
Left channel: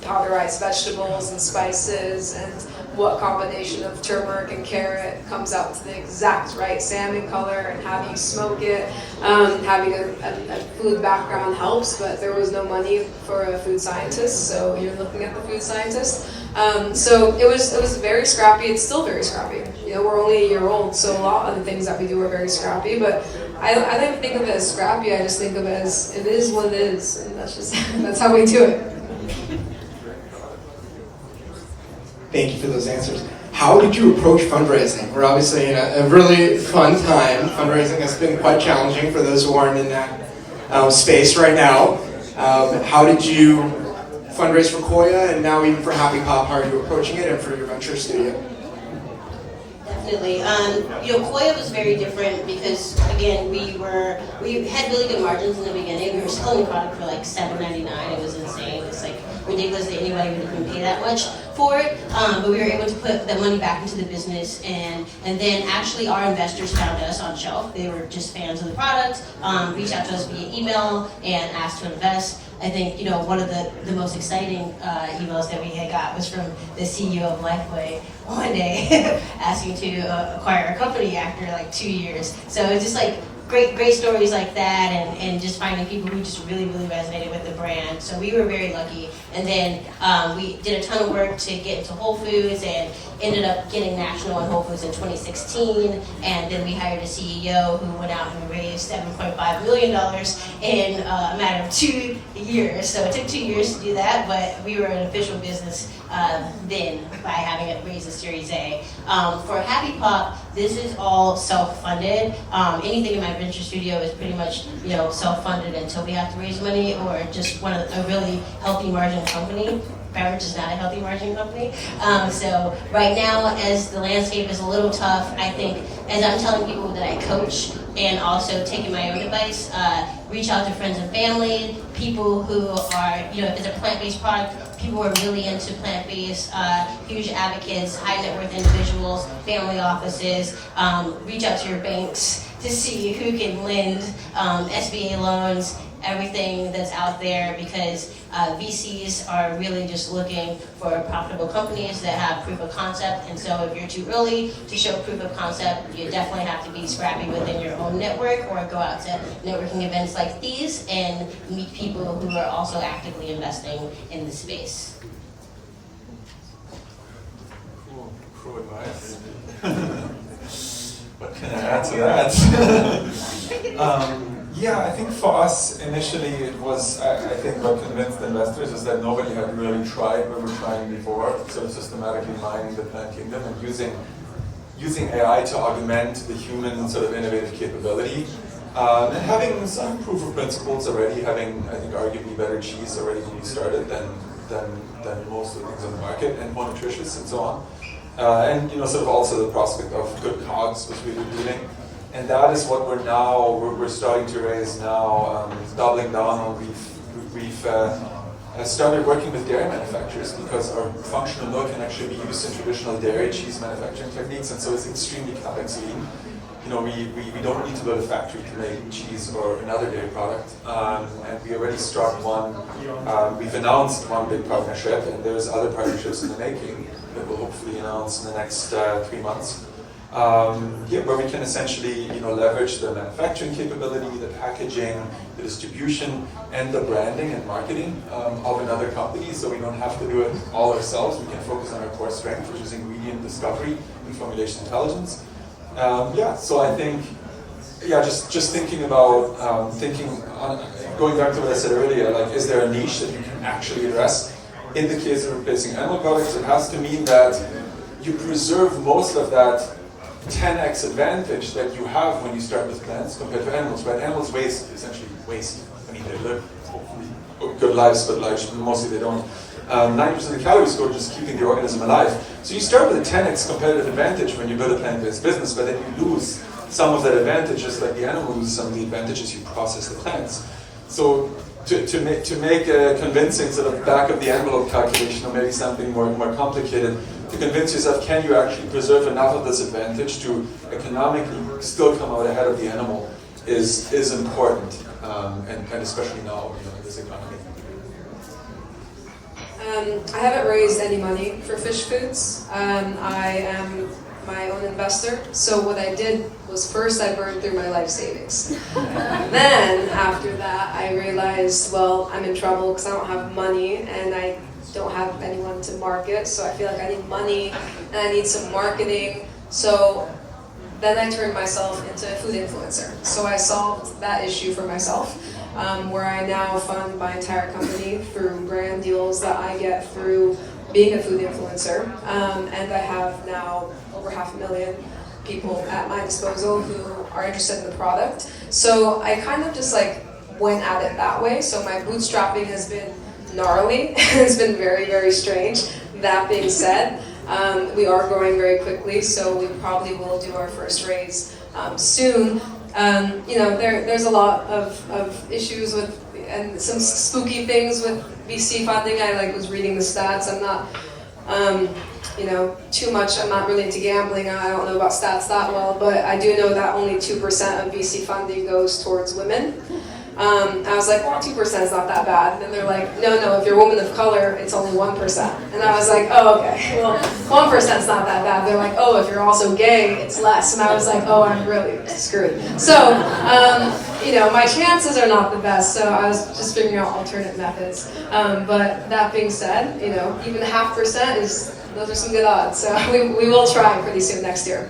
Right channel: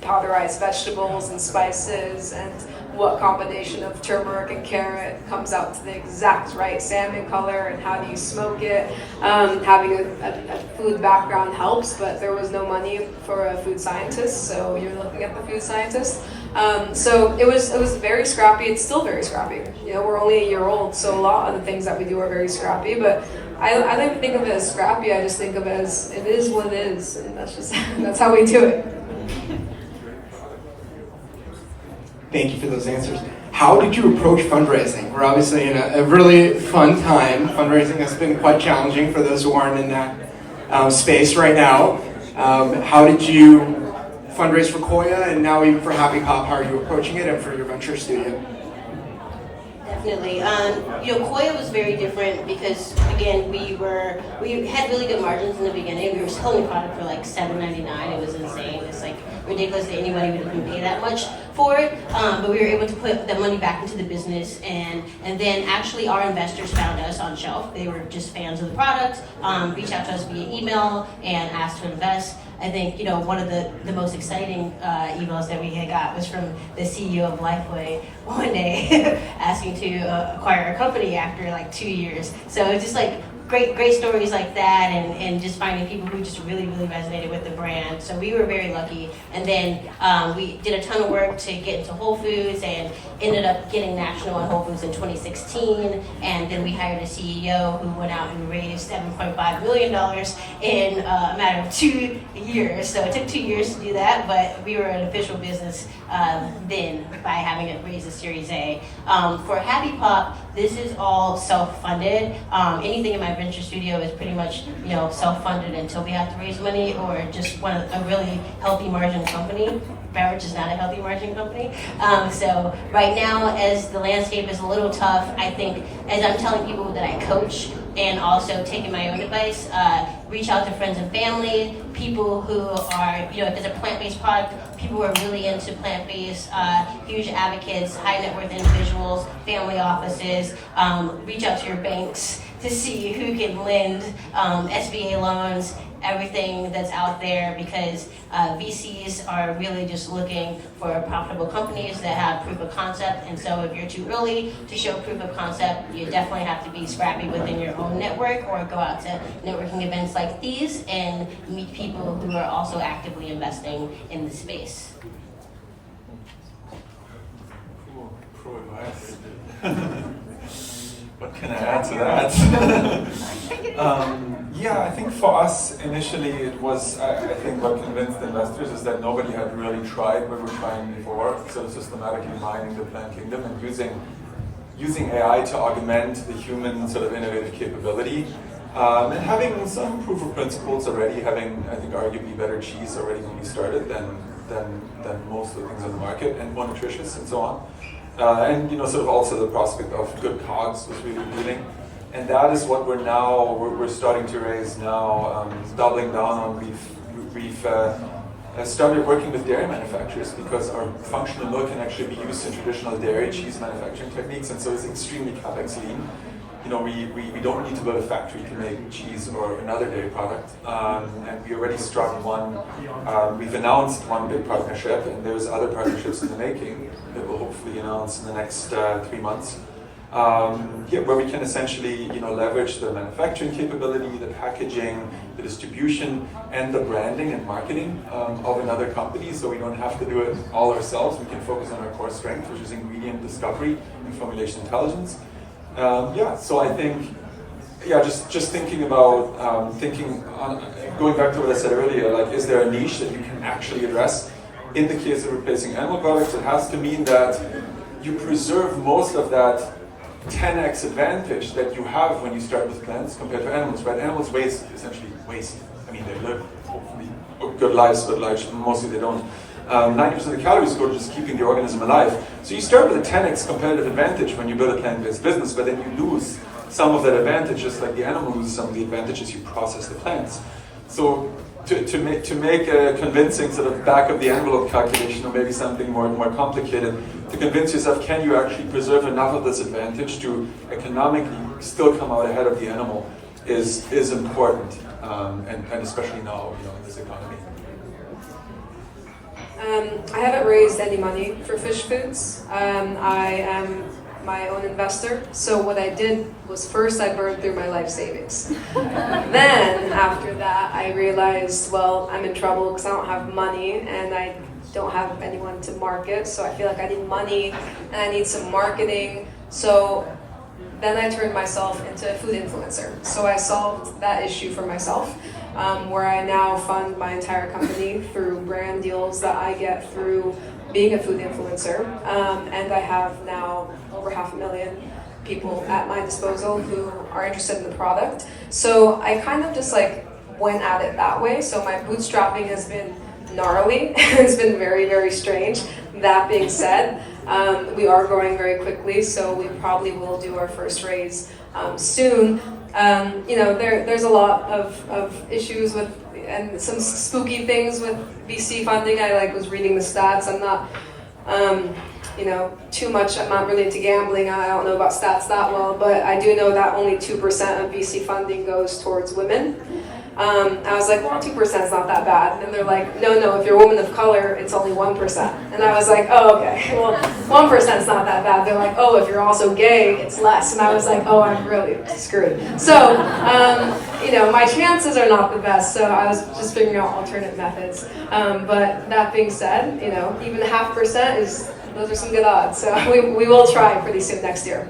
powderized vegetables and spices, and what combination of turmeric and carrot comes out to the exact right salmon color, and how do you smoke it. Having a food background helps, but there was no money for a food scientist, so you're looking at the food scientist. So it was very scrappy. It's still very scrappy. We're only a year old, so a lot of the things that we do are very scrappy, but I don't think of it as scrappy. I just think of it as it is what it is, and that's how we do it. Thank you for those answers. How did you approach fundraising? We're obviously in a really fun time. Fundraising has been quite challenging for those who aren't in that space right now. How did you fundraise for Koia, and now even for Happy Pop? How are you approaching it, and for your venture studio? definitely. Koia was very different because again we had really good margins in the beginning. We were selling the product for like $7.99. It was insane. It's like ridiculous that anybody would even pay that much for it. But we were able to put that money back into the business, and then actually our investors found us on shelf. They were just fans of the product, reached out to us via email and asked to invest. I think one of the most exciting emails that we had got was from the CEO of Lifeway one day asking to acquire a company after like 2 years. So it's just like great stories like that, and just finding people who just really resonated with the brand. So we were very lucky. And then we did a ton of work to get into Whole Foods and ended up getting national in Whole Foods in 2016. And then we hired a CEO who went out and raised $7.5 million in a matter of 2 years. So it took 2 years to do that, but we were an official business then by having it raise a Series A. For Happy Pop, this is all self-funded. Anything in my venture studio is pretty much self-funded until we have to raise money, or just a really healthy margin company. Beverage is not a healthy margin company. So right now, as the landscape is a little tough, I think as I'm telling people that I coach and also taking my own advice, reach out to friends and family, people who are, if it's a plant-based product, people who are really into plant-based, huge advocates, high net worth individuals, family offices, reach out to your banks to see who can lend SBA loans, everything that's out there, because VCs are really just looking for profitable companies that have proof of concept. And so if you're too early to show proof of concept, you definitely have to be scrappy within your own network, or go out to networking events like these and meet people who are also actively investing in the space. Cool advice. What can I add to that? Yeah, I think for us initially it was, I think what convinced investors is that nobody had really tried what we were trying before, sort of systematically mining the plant kingdom and using AI to augment the human sort of innovative capability. And having some proof of principles already, having, I think, arguably better cheese already when we started than most of the things in the market, and more nutritious and so on. And sort of also the prospect of good COGS was really appealing. And that is what we're starting to raise now, doubling down on. We've started working with dairy manufacturers because our functional milk can actually be used in traditional dairy cheese manufacturing techniques, and so it's extremely capex lean. We don't need to build a factory to make cheese or another dairy product, and we already struck one. We've announced one big partnership, and there's other partnerships in the making that we'll hopefully announce in the next 3 months. Where we can essentially leverage the manufacturing capability, the packaging, the distribution, and the branding and marketing of another company, so we don't have to do it all ourselves. We can focus on our core strength, which is ingredient discovery and formulation intelligence. So I think, just thinking about, going back to what I said earlier, like, is there a niche that you can actually address? In the case of replacing animal products, it has to mean that you preserve most of that 10x advantage that you have when you start with plants compared to animals, right? Animals essentially waste. I mean, they live hopefully good lives, but mostly they don't. 90% of the calories go to just keeping the organism alive. So you start with a 10x competitive advantage when you build a plant-based business, but then you lose some of that advantage, just like the animal loses some of the advantages you process the plants. So to make a convincing sort of back of the envelope calculation, or maybe something more complicated, to convince yourself, can you actually preserve enough of this advantage to economically still come out ahead of the animal is important, and especially now in this economy. I haven't raised any money for Fysh Foods. I am my own investor. So what I did was, first I burned through my life savings. Then after that I realized, well, I'm in trouble because I don't have money and I don't have anyone to market. So I feel like I need money and I need some marketing. So then I turned myself into a food influencer. So I solved that issue for myself, where I now fund my entire company through brand deals that I get through being a food influencer. And I have now over 500,000 people at my disposal who are interested in the product. So I kind of just went at it that way. So my bootstrapping has been gnarly. It's been very, very strange. That being said, We are growing very quickly, so we probably will do our first raise soon. There's a lot of issues with, and some spooky things with VC funding. I was reading the stats. I'm not, too much. I'm not really into gambling. I don't know about stats that well, but I do know that only 2% of VC funding goes towards women. I was like, well, 2% is not that bad. And they're like, no, if you're a woman of color, it's only 1%. And I was like, oh, okay, well, 1% is not that bad. They're like, oh, if you're also gay, it's less. And I was like, oh, I'm really screwed. So, my chances are not the best, so I was just figuring out alternate methods. But that being said, even 0.5% those are some good odds. So we will try pretty soon next year.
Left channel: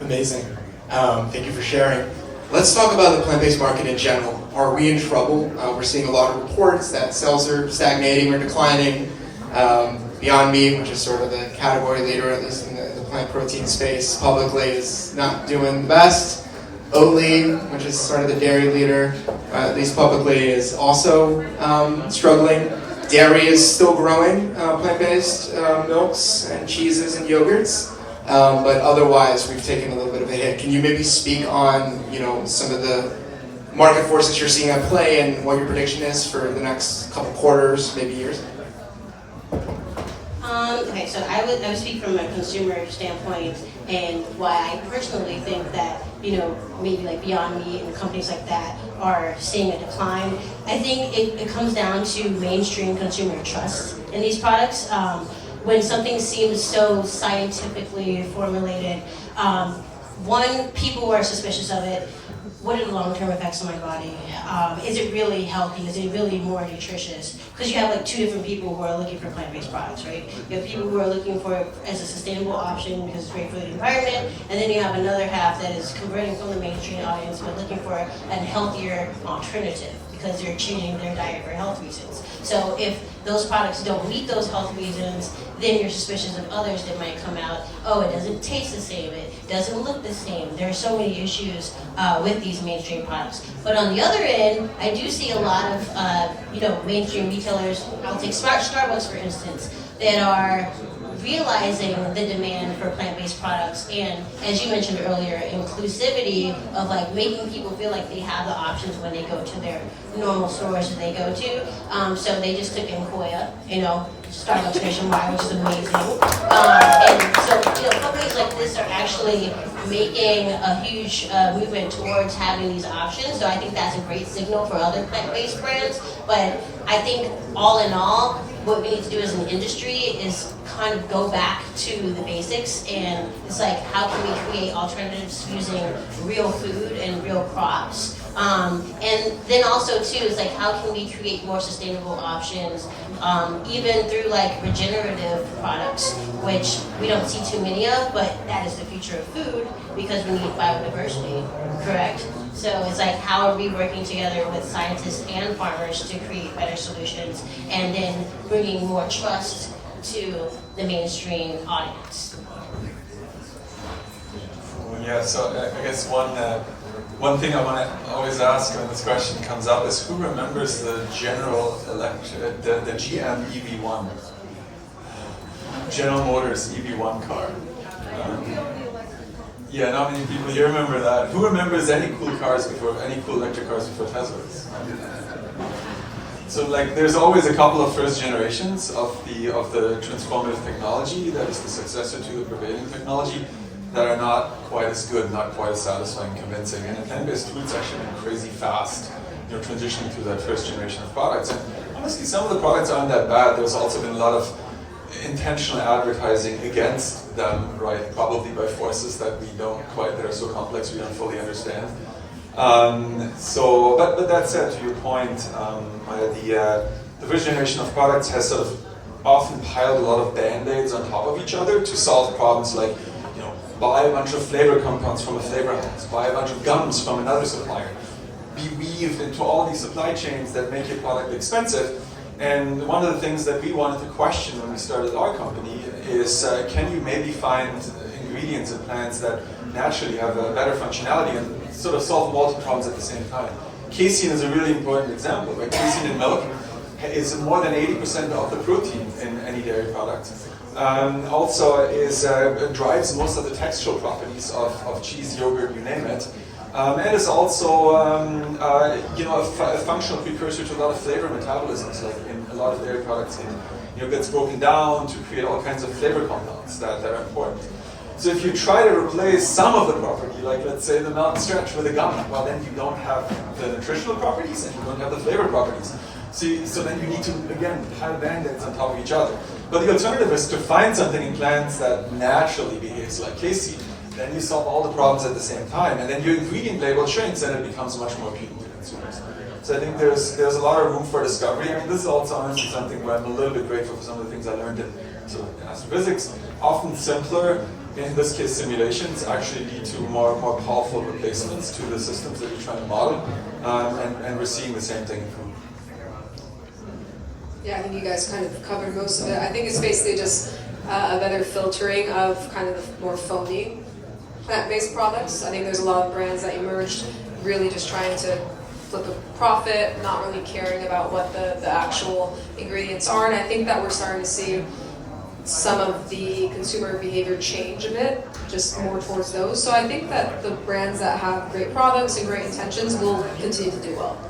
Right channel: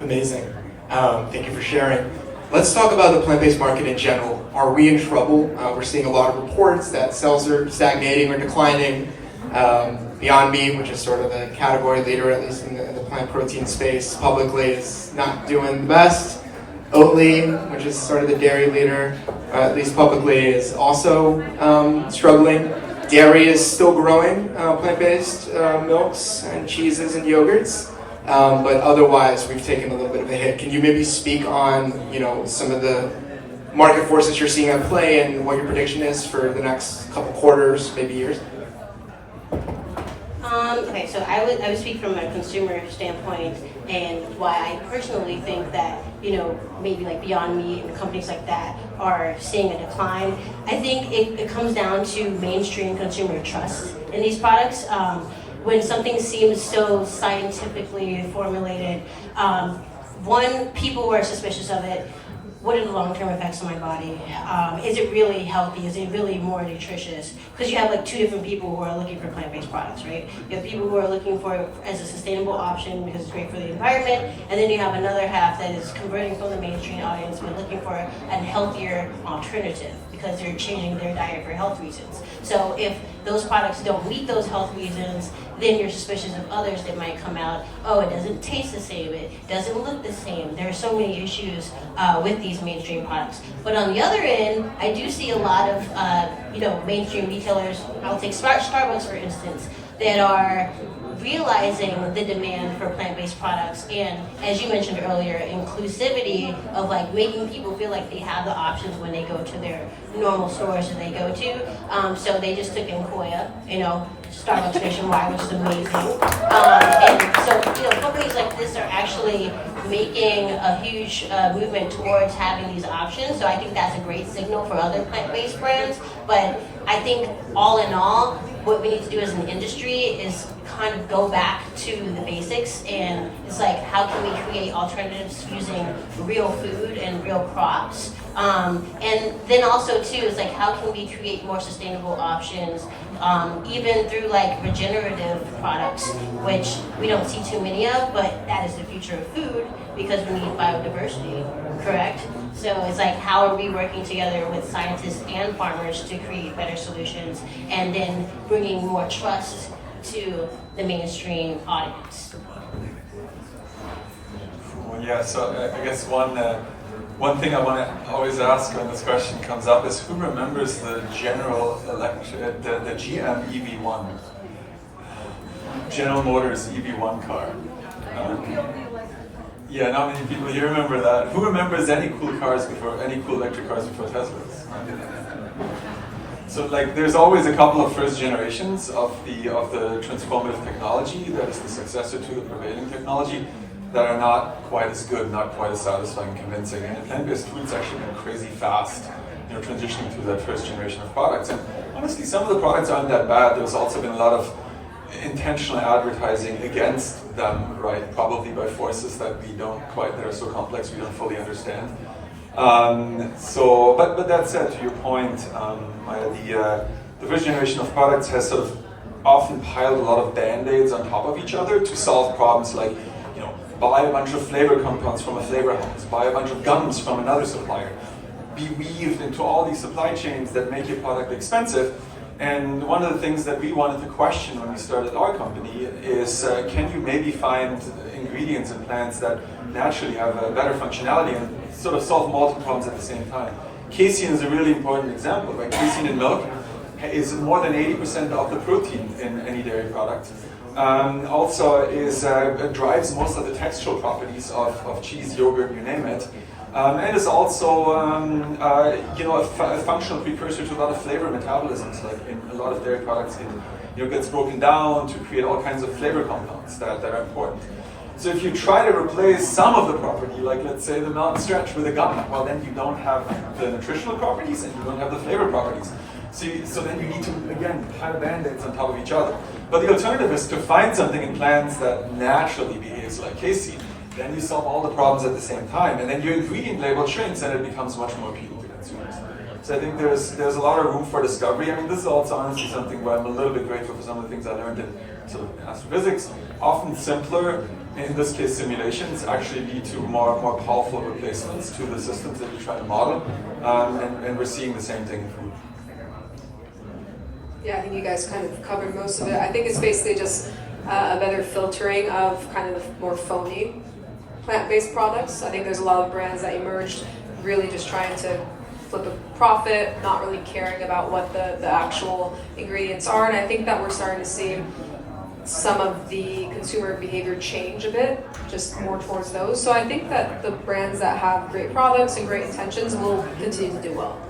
Amazing. Thank you for sharing. Let's talk about the plant-based market in general. Are we in trouble? We're seeing a lot of reports that sales are stagnating or declining. Beyond Meat, which is sort of the category leader, at least in the plant protein space, publicly is not doing the best. Oatly, which is sort of the dairy leader, at least publicly, is also struggling. Dairy is still growing, plant-based milks and cheeses and yogurts. But otherwise, we've taken a little bit of a hit. Can you maybe speak on, some of the market forces you're seeing at play and what your prediction is for the next couple quarters, maybe years? Okay, so I would speak from a consumer standpoint, and why I personally think that, maybe like Beyond Meat and companies like that are seeing a decline. I think it comes down to mainstream consumer trust in these products. When something seems so scientifically formulated, people are suspicious of it. What are the long-term effects on my body? Is it really healthy? Is it really more nutritious? Because you have two different people who are looking for plant-based products, right? You have people who are looking for it as a sustainable option because it's great for the environment, and then you have another half that is converting from the mainstream audience who are looking for a healthier alternative because they're changing their diet for health reasons. So if those products don't meet those health reasons, then you're suspicious of others that might come out. Oh, it doesn't taste the same, it doesn't look the same. There are so many issues with these mainstream products. But on the other end, I do see a lot of mainstream retailers. I'll take Starbucks for instance, that are realizing the demand for plant-based products, and as you mentioned earlier, inclusivity of making people feel like they have the options when they go to their normal stores that they go to. So they just took in Koia, Starbucks nationwide, which is amazing. And so companies like this are actually making a huge movement towards having these options. So I think that's a great signal for other plant-based brands. But I think all in all, what we need to do as an industry is kind of go back to the basics, and it's how can we create alternatives using real food and real crops, and then also too is how can we create more sustainable options, even through regenerative products, which we don't see too many of, but that is the future of food because we need biodiversity, correct? So it's how are we working together with scientists and farmers to create better solutions, and then bringing more trust to the mainstream audience. Yeah, so I guess one thing I want to always ask when this question comes up is who remembers the the GM EV1, General Motors EV1 car? Yeah, not many people here remember that. Who remembers any cool electric cars before Teslas? So there's always a couple of first generations of the transformative technology that is the successor to the prevailing technology that are not quite as good, not quite as satisfying, convincing. And plant-based food's actually been crazy fast, transitioning through that first generation of products. And honestly, some of the products aren't that bad. There's also been a lot of intentional advertising against them, right? Probably by forces that are so complex we don't fully understand. But that said, to your point, the first generation of products has sort of often piled a lot of band-aids on top of each other to solve problems like, buy a bunch of flavor compounds from a flavor house, buy a bunch of gums from another supplier, be weaved into all these supply chains that make your product expensive. And one of the things that we wanted to question when we started our company is, can you maybe find ingredients in plants that naturally have a better functionality and sort of solve multiple problems at the same time? Casein is a really important example. Casein in milk is more than 80% of the protein in any dairy product. Also drives most of the textural properties of cheese, yogurt, you name it. And is also a functional precursor to a lot of flavor metabolisms. Like in a lot of dairy products, it gets broken down to create all kinds of flavor compounds that are important. So if you try to replace some of the property, like let's say the melt and stretch with a gum, well then you don't have the nutritional properties and you don't have the flavor properties. So then you need to, again, pile band-aids on top of each other. But the alternative is to find something in plants that naturally behaves like casein. Then you solve all the problems at the same time. And then your ingredient label shrinks and it becomes much more appealing to consumers. So I think there's a lot of room for discovery. I mean, this is also honestly something where I'm a little bit grateful for some of the things I learned in sort of astrophysics. Often simpler, in this case simulations, actually lead to more powerful replacements to the systems that you try to model. And we're seeing the same thing in food. Yeah, I think you guys kind of covered most of it. I think it's basically just a better filtering of kind of more phony plant-based products. I think there's a lot of brands that emerged really just trying to flip a profit, not really caring about what the actual ingredients are. And I think that we're starting to see some of the consumer behavior change a bit, just more towards those. So I think that the brands that have great products and great intentions will continue to do well.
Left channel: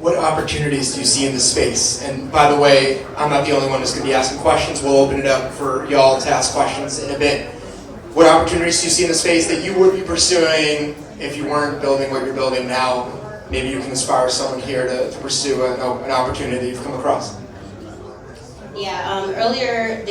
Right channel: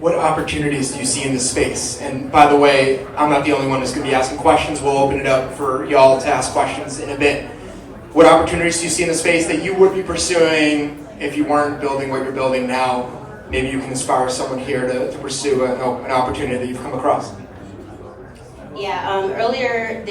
What opportunities do you see in this space? And by the way, I'm not the only one who's going to be asking questions. We'll open it up for y'all to ask questions in a bit. What opportunities do you see in the space that you would be pursuing if you weren't building what you're building now? Maybe you can inspire someone here to pursue an opportunity you've come across. Yeah, earlier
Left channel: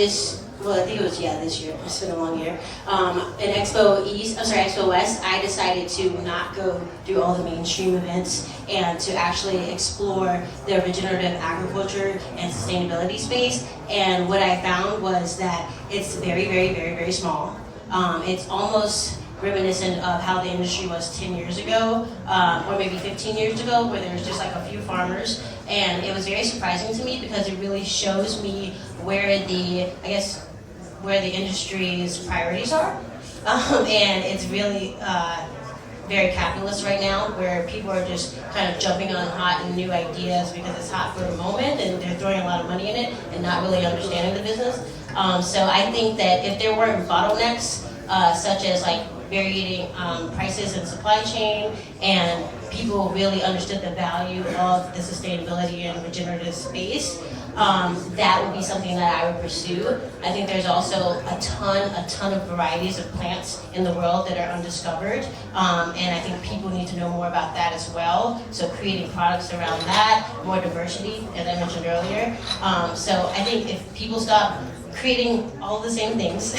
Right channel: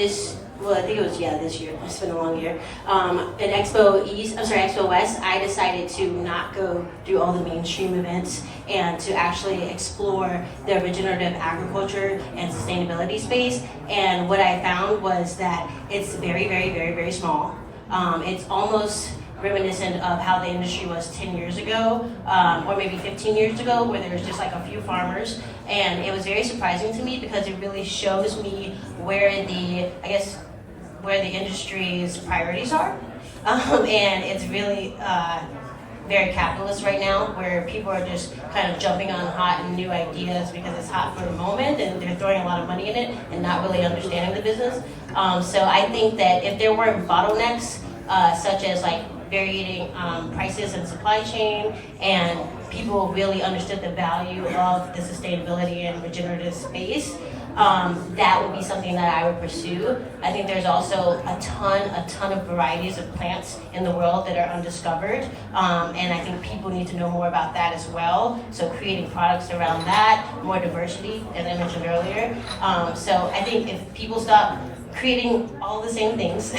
I think it was this year. It's been a long year. At Expo West, I decided to not go do all the mainstream events and to actually explore the regenerative agriculture and sustainability space. And what I found was that it's very, very, very, very small. It's almost reminiscent of how the industry was 10 years ago, or maybe 15 years ago, where there was just like a few farmers. And it was very surprising to me because it really shows me where the industry's priorities are. And it's really very capitalist right now, where people are just kind of jumping on hot and new ideas because it's hot for the moment and they're throwing a lot of money in it and not really understanding the business. So I think that if there weren't bottlenecks, such as like varying prices in supply chain, and people really understood the value of the sustainability and regenerative space, that would be something that I would pursue. I think there's also a ton of varieties of plants in the world that are undiscovered, and I think people need to know more about that as well. So creating products around that, more diversity, as I mentioned earlier. So I think if people stop creating all the same things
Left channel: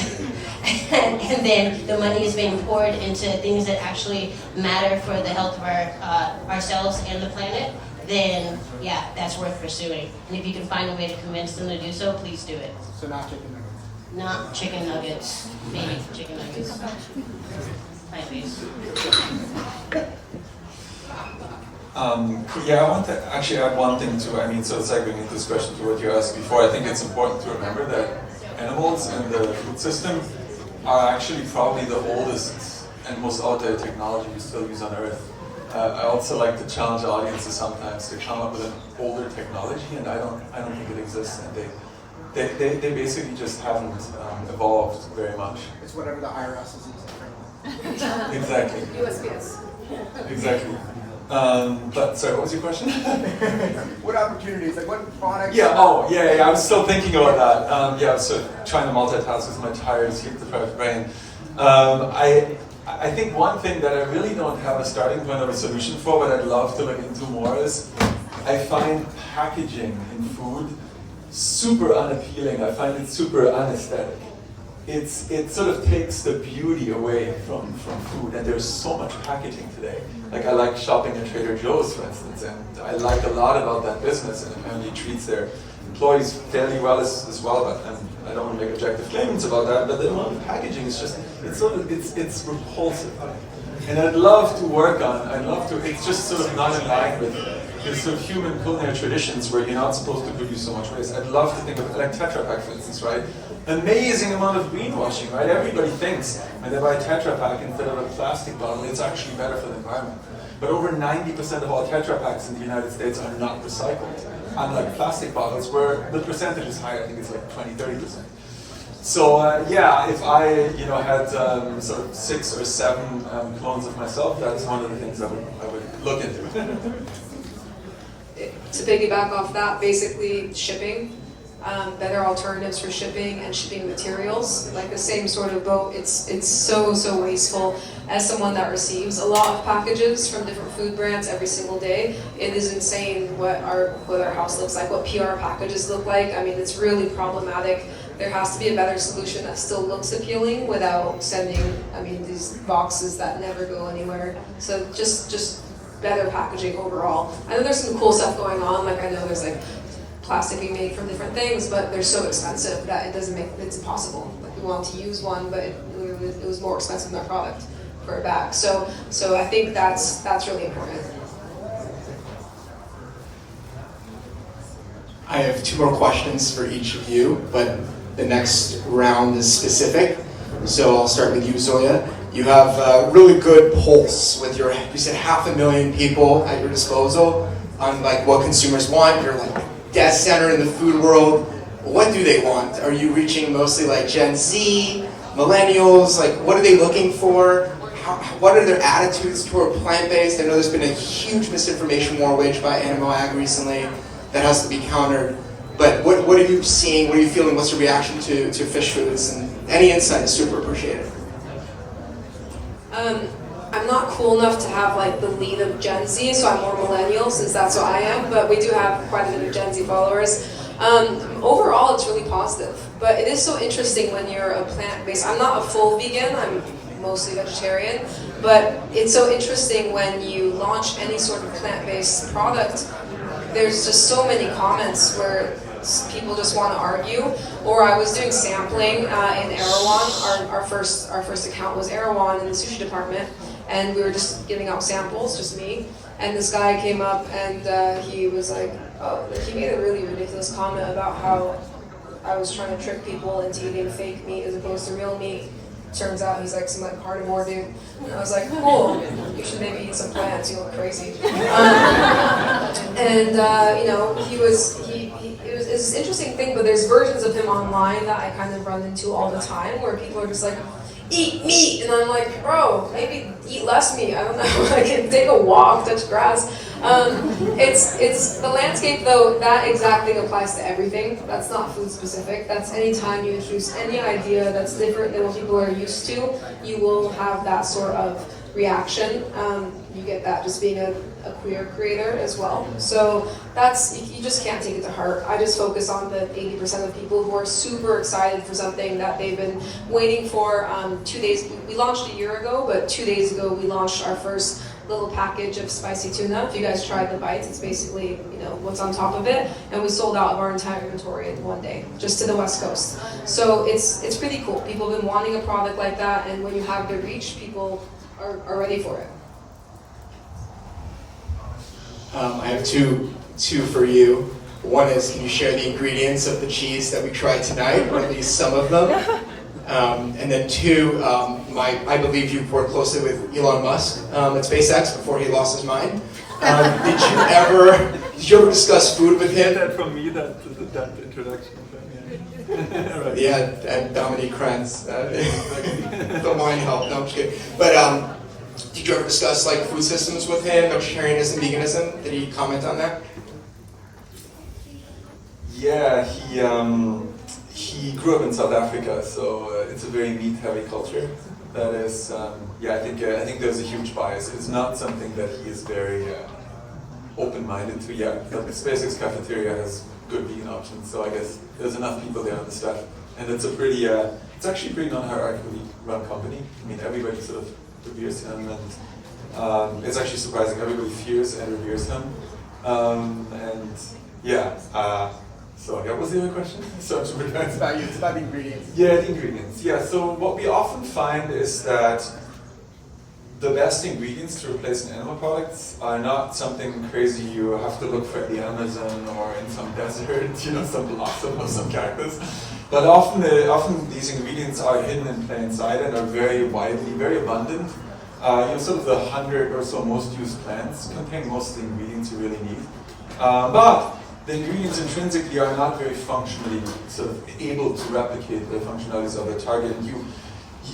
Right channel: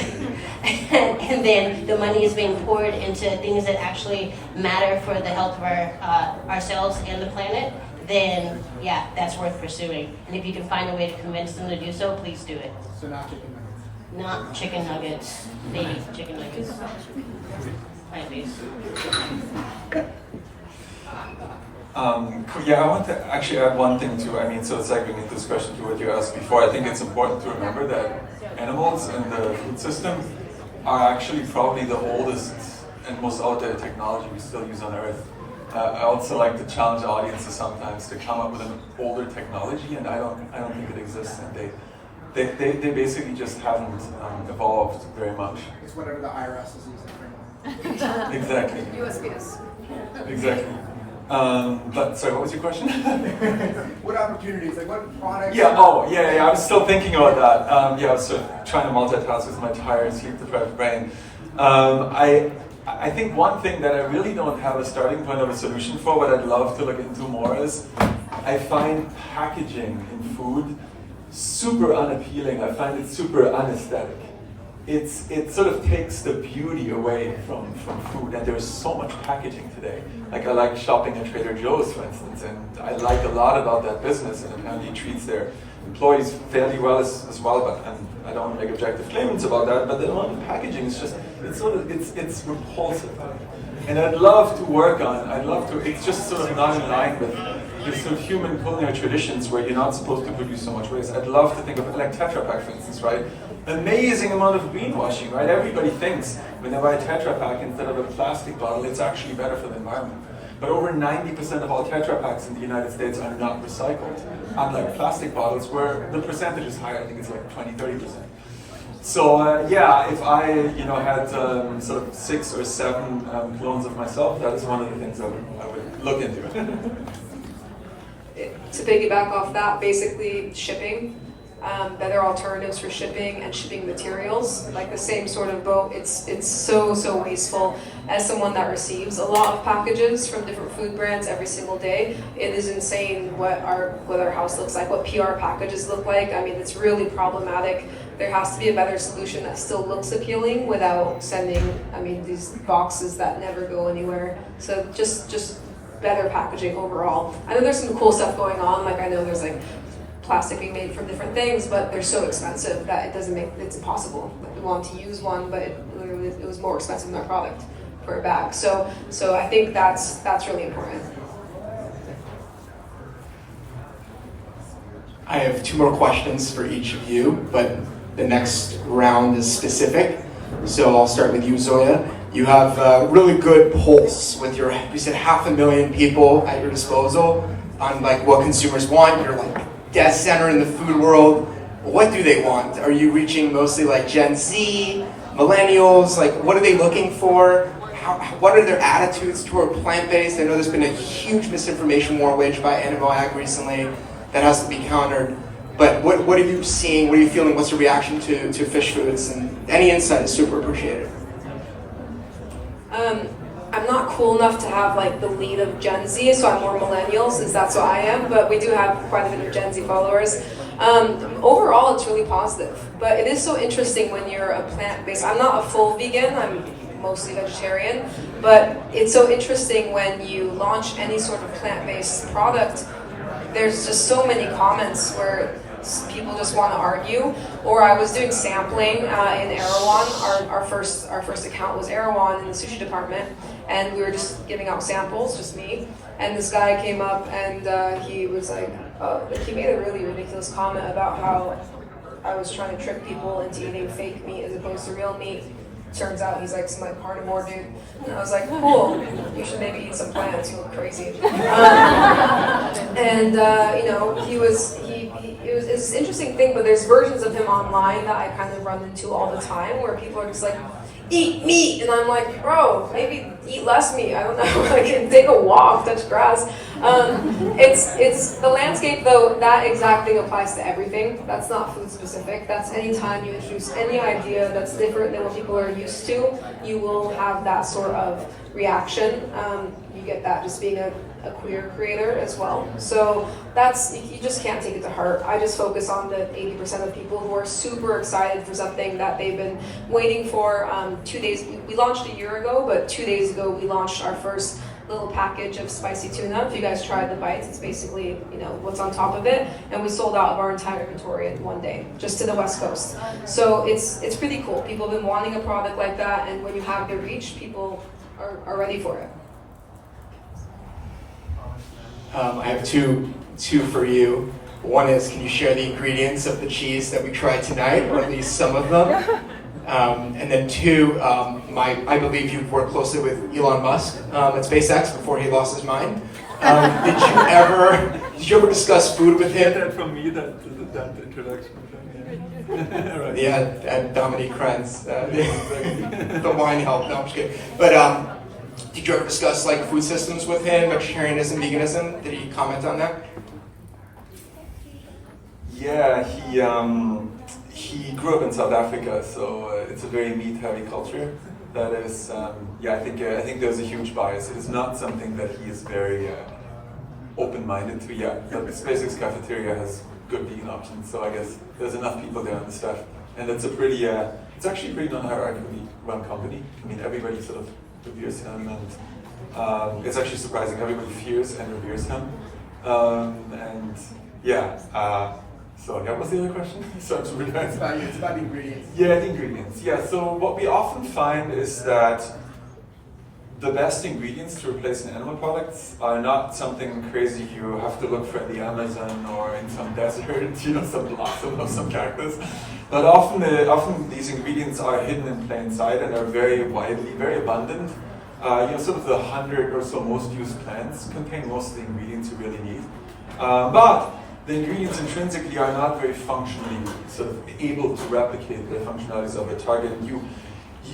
and then the money is being poured into things that actually matter for the health of ourselves and the planet, then yeah, that's worth pursuing. And if you can find a way to convince them to do so, please do it. So not chicken nuggets? Not chicken nuggets, maybe chicken nuggets. Plant-based. Yeah, I want to actually add one thing too. I mean, so segueing into this question to what you asked before, I think it's important to remember that animals in the food system are actually probably the oldest and most outdated technology we still use on Earth. I also like to challenge audiences sometimes to come up with an older technology, and I don't think it exists. And they basically just haven't evolved very much. It's whatever the IRS is using. Exactly. USPS. Exactly. But sorry, what was your question? What opportunities? Like what products? Yeah. Oh, yeah. I was still thinking about that. Yeah, I was sort of trying to multitask with my tired, sleep-deprived brain. I think one thing that I really don't have a starting point or a solution for, but I'd love to look into more is, I find packaging in food super unappealing. I find it super unaesthetic. It sort of takes the beauty away from food, and there's so much packaging today. Like I like shopping at Trader Joe's, for instance, and I like a lot about that business, and apparently it treats their employees fairly well as well, but I don't want to make objective claims about that, but the amount of packaging is just, it's repulsive. And I'd love to work on, it's just sort of not in line with sort of human culinary traditions where you're not supposed to produce so much waste. I'd love to think of it like Tetra Pak, for instance, right? Amazing amount of greenwashing, right? Everybody thinks when they buy a Tetra Pak instead of a plastic bottle, it's actually better for the environment. but over 90% of all Tetra Paks in the United States are not recycled. Unlike plastic bottles, where the percentage is higher, I think it's like 20-30%. So yeah, if I had sort of 6 or 7 clones of myself, that is one of the things I would look into. To piggyback off that, basically shipping, better alternatives for shipping and shipping materials, like the same sort of boat. It's so wasteful. As someone that receives a lot of packages from different food brands every single day, it is insane what our house looks like, what PR packages look like. I mean, it's really problematic. There has to be a better solution that still looks appealing without sending, these boxes that never go anywhere. So just better packaging overall. I know there's some cool stuff going on, like I know there's like plastic being made from different things, but they're so expensive that it's impossible. Like we wanted to use one, but it was more expensive than the product for a bag. So I think that's really important. I have 2 more questions for each of you, but the next round is specific. So I'll start with you, Zoya. You have a really good pulse with you said 500,000 people at your disposal on like what consumers want. You're like dead center in the food world. What do they want? Are you reaching mostly like Gen Z, millennials? Like what are they looking for? What are their attitudes toward plant-based? I know there's been a huge misinformation war waged by Animal Ag recently that has to be countered. But what are you seeing? What are you feeling? What's your reaction to Fysh Foods? And any insight is super appreciated. I'm not cool enough to have like the lead of Gen Z, so I'm more millennial since that's what I am, but we do have quite a bit of Gen Z followers. Overall, it's really positive, but it is so interesting when you're a plant-based. I'm not a full vegan, I'm mostly vegetarian, but it's so interesting when you launch any sort of plant-based product. There's just so many comments where people just want to argue. Or I was doing sampling in Erewhon. Our first account was Erewhon in the sushi department, and we were just giving out samples, just me. And this guy came up and he was like, he made a really ridiculous comment about how I was trying to trick people into eating fake meat as opposed to real meat. Turns out he's like some like carnivore dude, and I was like, cool, you should maybe eat some plants, you look crazy. It was this interesting thing, but there's versions of him online that I kind of run into all the time where people are just like, eat meat, and I'm like, bro, maybe eat less meat, I don't know, like take a walk, touch grass. It's the landscape though, that exact thing applies to everything. That's not food specific. That's anytime you introduce any idea that's different than what people are used to, you will have that sort of reaction. You get that just being a queer creator as well. So you just can't take it to heart. I just focus on the 80% of people who are super excited for something that they've been waiting for. 2 days, we launched a year ago, but 2 days ago we launched our first little package of spicy tuna. If you guys tried the bites, it's basically what's on top of it, and we sold out of our entire inventory in 1 day, just to the West Coast. So it's pretty cool. People have been wanting a product like that, and when you have the reach, people are ready for it. I have two for you. One is, can you share the ingredients of the cheese that we tried tonight, or at least some of them? And then 2, I believe you worked closely with Elon Musk at SpaceX before he lost his mind. Did you ever discuss food with him? That from me, that introduction. Yeah. Right. Yeah, Dominique Krenz, the wine help. No, I'm just kidding. But did you ever discuss like food systems with him, vegetarianism, veganism? Did he comment on that? Yeah, he grew up in South Africa, so it's a very meat-heavy culture. That is, I think there's a huge bias. It's not something that he is very open-minded to yet. But the SpaceX cafeteria has good vegan options, so I guess there's enough people there on the staff, and it's it's actually a pretty non-hierarchically run company. I mean, everybody sort of reveres him, and it's actually surprising. Everybody fears and reveres him, So what was the other question? So It's about the ingredients. Yeah, the ingredients. Yeah, so what we often find is that the best ingredients to replace an animal products are not something crazy you have to look for in the Amazon or in some desert, some blossom or some cactus. But often these ingredients are hidden in plain sight and are very widely, very abundant. Sort of the 100 or so most used plants contain most of the ingredients you really need. But the ingredients intrinsically are not very functionally sort of able to replicate the functionalities of a target. And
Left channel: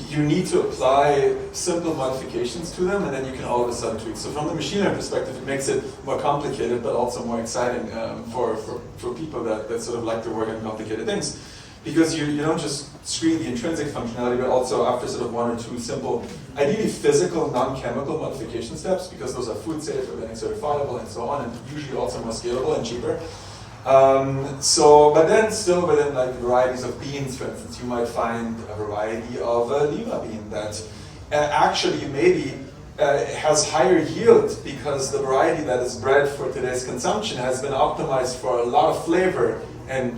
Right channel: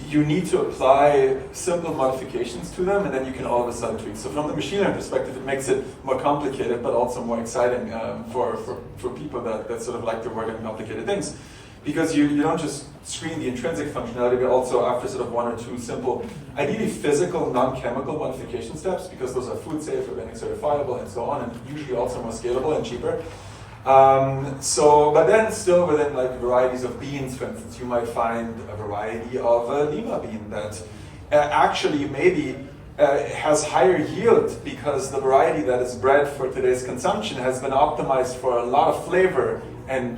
you need to apply simple modifications to them, and then you can all of a sudden tweak. So from the machine learning perspective, it makes it more complicated, but also more exciting for people that sort of like to work on complicated things. Because you don't just screen the intrinsic functionality, but also after sort of one or two simple, ideally physical, non-chemical modification steps, because those are food safe, organic certifiable, and so on, and usually also more scalable and cheaper. But then still within like varieties of beans, for instance, you might find a variety of a lima bean that actually maybe has higher yield because the variety that is bred for today's consumption has been optimized for a lot of flavor and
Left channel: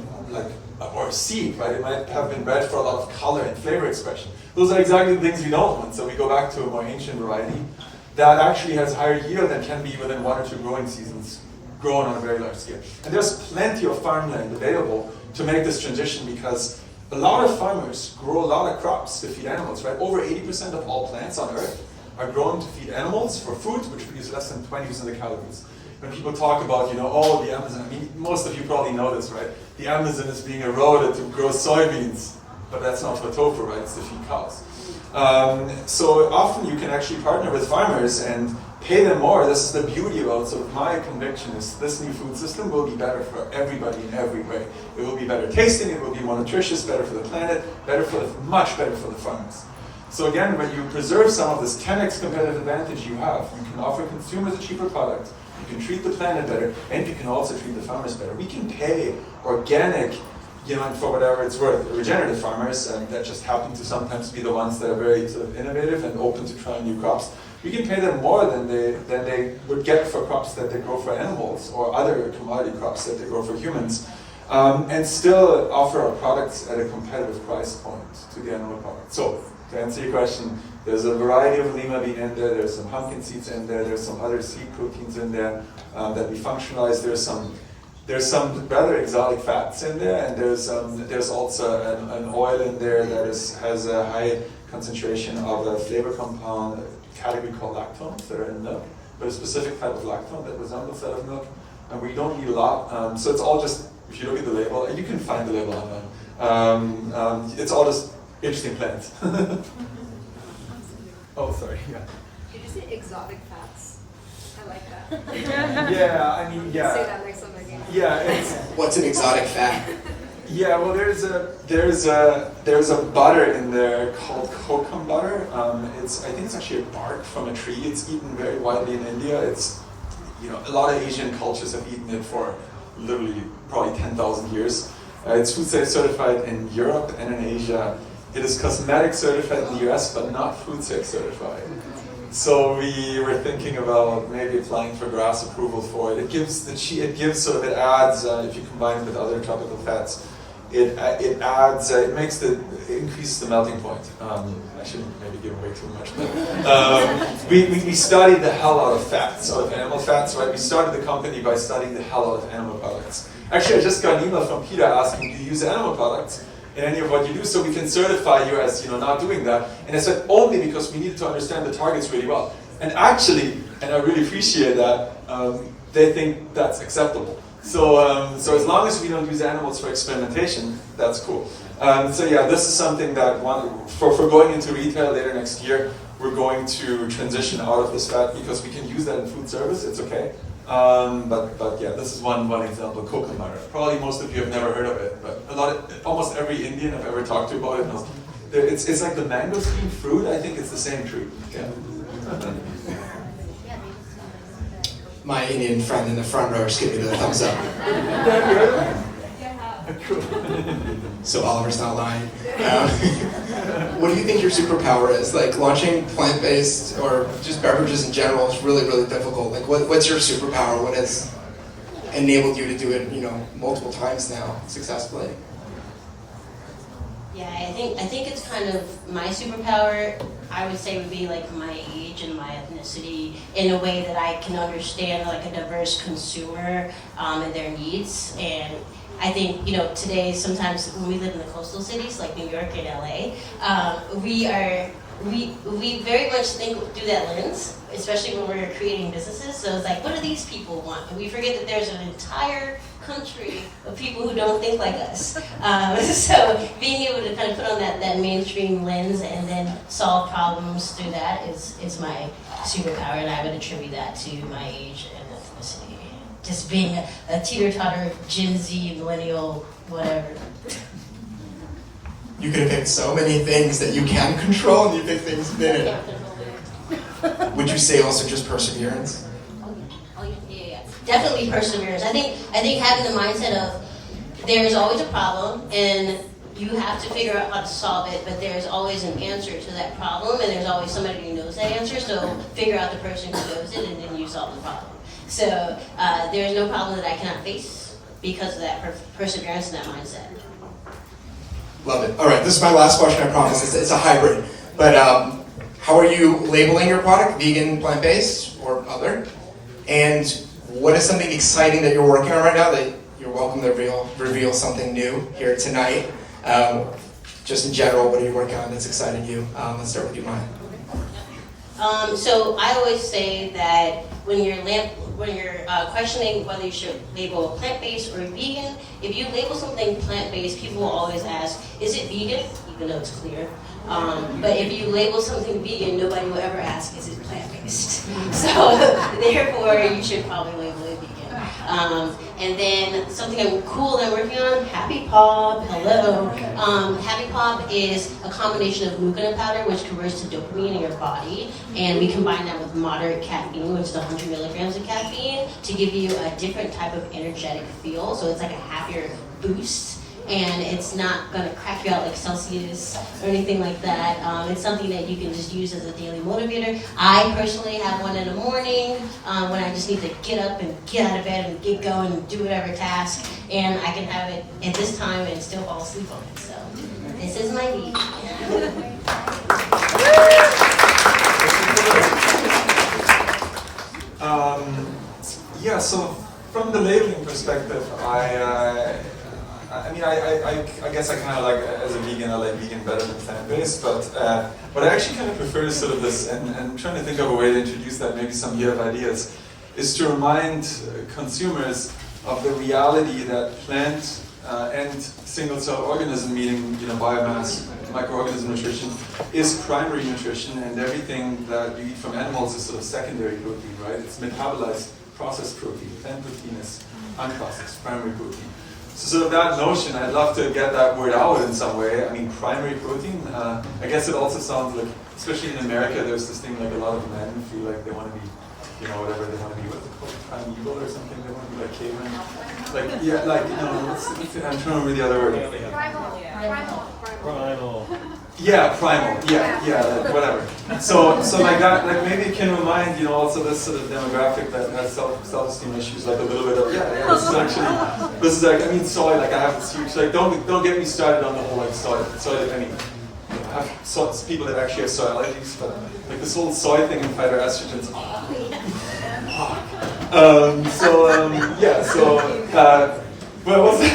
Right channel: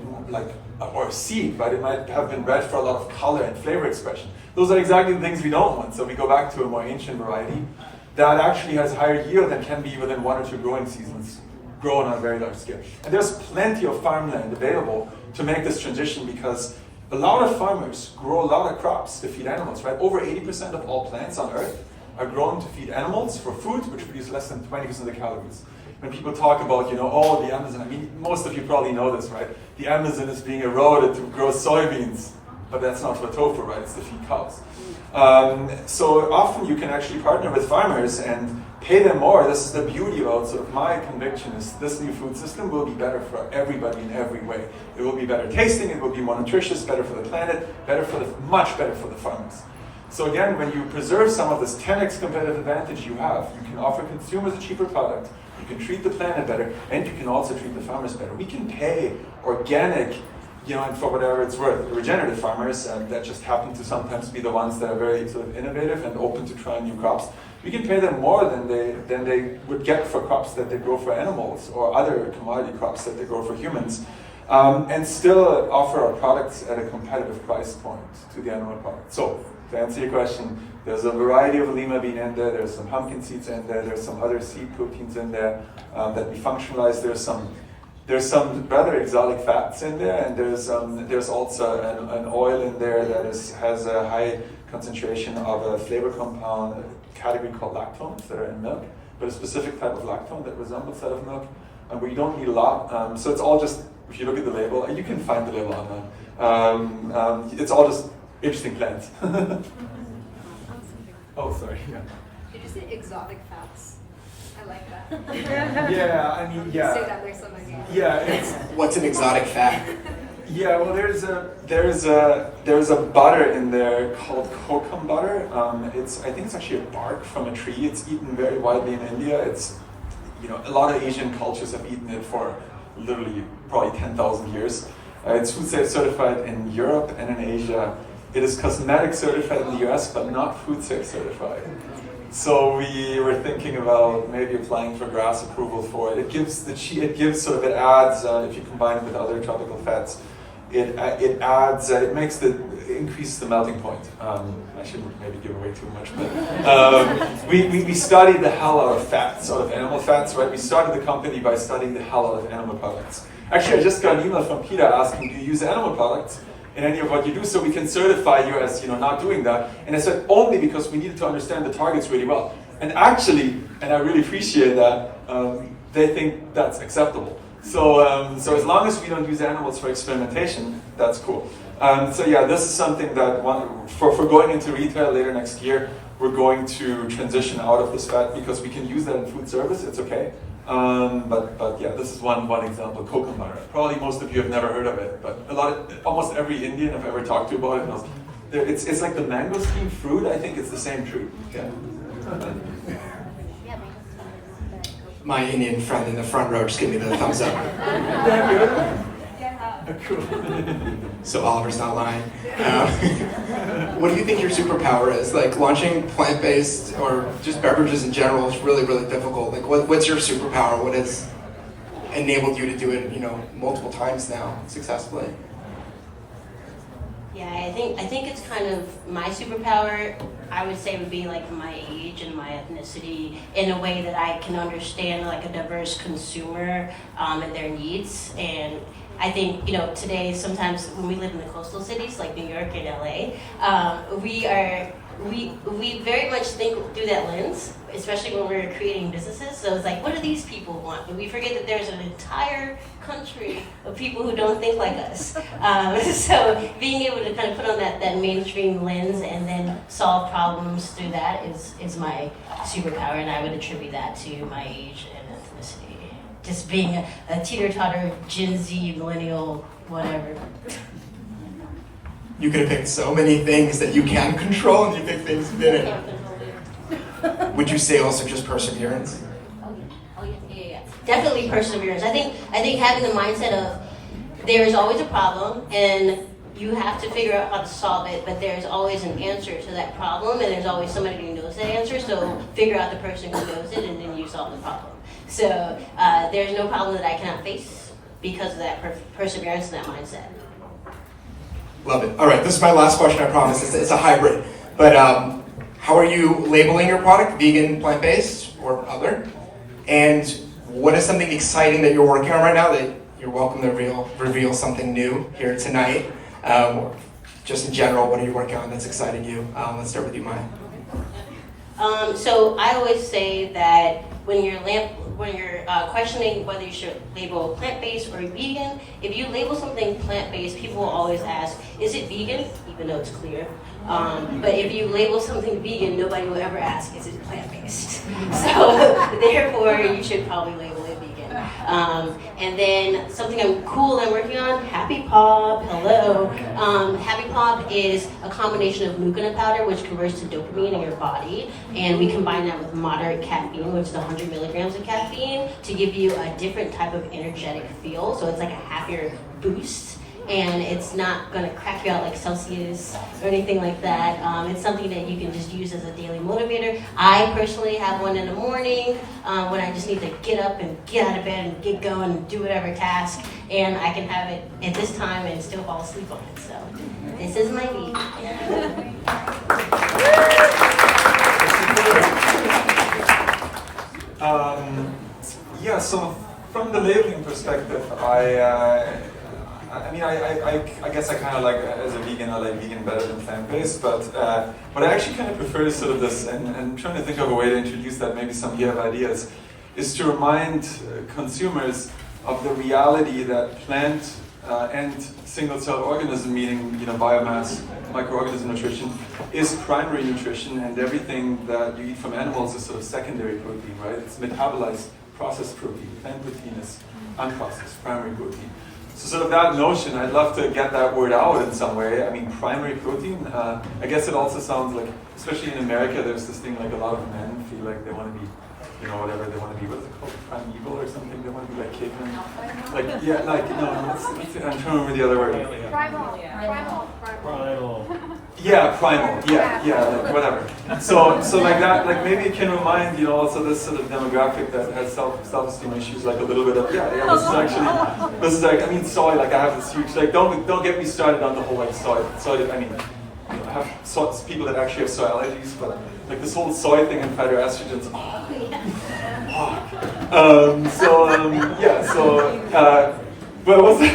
or seed, right? It might have been bred for a lot of color and flavor expression. Those are exactly the things we don't want. So we go back to a more ancient variety that actually has higher yield and can be within 1 or 2 growing seasons grown on a very large scale. And there's plenty of farmland available to make this transition because a lot of farmers grow a lot of crops to feed animals, right? Over 80% of all plants on Earth are grown to feed animals for food, which produce less than 20% of the calories. When people talk about, oh, the Amazon, I mean, most of you probably know this, right? The Amazon is being eroded to grow soybeans, but that's not for tofu, right? It's to feed cows. So often you can actually partner with farmers and pay them more. This is the beauty about, so my conviction is this new food system will be better for everybody in every way. It will be better tasting, it will be more nutritious, better for the planet, much better for the farmers. So again, when you preserve some of this 10x competitive advantage you have, you can offer consumers a cheaper product, you can treat the planet better, and you can also treat the farmers better. We can pay organic, and for whatever it's worth, regenerative farmers, and that just happen to sometimes be the ones that are very sort of innovative and open to trying new crops. We can pay them more than they would get for crops that they grow for animals or other commodity crops that they grow for humans, and still offer our products at a competitive price point to the animal product. So, to answer your question, there's a variety of lima bean in there, there's some pumpkin seeds in there, there's some other seed proteins in there that we functionalize, there's some rather exotic fats in there, and there's also an oil in there that has a high concentration of a flavor compound category called lactones that are in milk, but a specific type of lactone that resembles that of milk, and we don't need a lot. So it's all just, if you look at the label, and you can find the label online, it's all just interesting plants. Oh, sorry, yeah. Did you say exotic fats? I like that. Yeah, I mean, yeah. Say that next time I get. Yeah, What's an exotic fat? Yeah, well, there's a butter in there called kokum butter. I think it's actually a bark from a tree. It's eaten very widely in India. It's, a lot of Asian cultures have eaten it for literally probably 10,000 years. It's food safe certified in Europe and in Asia. It is cosmetic certified in the US, but not food safe certified. So we were thinking about maybe applying for GRAS approval for it. It adds, if you combine it with other tropical fats, it increases the melting point. I shouldn't maybe give away too much, but we studied the hell out of fats, so of animal fats, right? We started the company by studying the hell out of animal products. Actually, I just got an email from Peter asking, do you use animal products in any of what you do, so we can certify you as not doing that? And I said, only because we needed to understand the targets really well. And actually, and I really appreciate that, they think that's acceptable. So as long as we don't use animals for experimentation, that's cool. So yeah, this is something that for going into retail later next year, we're going to transition out of this fat because we can use that in food service, it's okay. But yeah, this is one example, kokum butter. Probably most of you have never heard of it, but almost every Indian I've ever talked to about it knows. It's like the mangosteen fruit. I think it's the same tree. Yeah. My Indian friend in the front row just gave me the thumbs up. Have you heard of it? Yeah. Cool. So Oliver's not lying. What do you think your superpower is? Like launching plant-based or just beverages in general is really, really difficult. Like what's your superpower? What has enabled you to do it, multiple times now successfully? Yeah, I think it's kind of my superpower. I would say would be like my age and my ethnicity in a way that I can understand like a diverse consumer and their needs. And I think, today sometimes when we live in the coastal cities like New York and LA, we very much think through that lens, especially when we're creating businesses. So it's like, what do these people want? And we forget that there's an entire country of people who don't think like us. So being able to kind of put on that mainstream lens and then solve problems through that is my superpower, and I would attribute that to my age and ethnicity. Just being a teeter-totter, Gen Z, millennial, whatever. You could have picked so many things that you can control, and you picked things you didn't. Would you say also just perseverance? Yeah. Definitely perseverance. I think having the mindset of there's always a problem, and you have to figure out how to solve it, but there's always an answer to that problem, and there's always somebody who knows that answer, so figure out the person who knows it, and then you solve the problem. So there's no problem that I cannot face because of that perseverance and that mindset. Love it. All right, this is my last question, I promise. It's a hybrid. But how are you labeling your product? Vegan, plant-based, or other? And what is something exciting that you're working on right now that you're welcome to reveal something new here tonight? Just in general, what are you working on that's exciting you? Let's start with you, Maya. So I always say that when you're questioning whether you should label plant-based or vegan, if you label something plant-based, people will always ask, is it vegan? Even though it's clear. But if you label something vegan, nobody will ever ask, is it plant-based? So therefore, you should probably label it vegan. And then something cool I'm working on, Happy Pop, hello. Happy Pop is a combination of glucose powder, which converts to dopamine in your body, and we combine that with moderate caffeine, which is 100 milligrams of caffeine, to give you a different type of energetic feel, so it's like a happier boost. And it's not going to crack you out like Celsius or anything like that. It's something that you can just use as a daily motivator. I personally have one in the morning when I just need to get up and get out of bed and get going and do whatever task. And I can have it at this time and still fall asleep on it. So this is my week. Yeah, so from the labeling perspective, I guess I kind of like, as a vegan, I like vegan better than plant-based, but what I actually kind of prefer is sort of this, and I'm trying to think of a way to introduce that, maybe some of you have ideas, is to remind consumers of the reality that plant and single-celled organism, meaning biomass, microorganism nutrition, is primary nutrition, and everything that you eat from animals is sort of secondary protein, right? It's metabolized, processed protein. Plant protein is unprocessed, primary protein. So sort of that notion, I'd love to get that word out in some way. I mean, primary protein, I guess it also sounds like, especially in America, there's this thing like a lot of men feel like they want to be, whatever, they want to be, what's it called, primeval or something, they want to be like cavemen. Like, yeah, like, what's it, I'm trying to remember the other word. Primal. Yeah, primal, yeah, like whatever. So like that, like maybe it can remind, also this sort of demographic that has self-esteem issues, like a little bit of, this is like, I mean, soy, like I have this huge, like don't get me started on the whole like soy, I mean, I have people that actually have soy allergies, but like this whole soy thing and phytoestrogens, but what was it?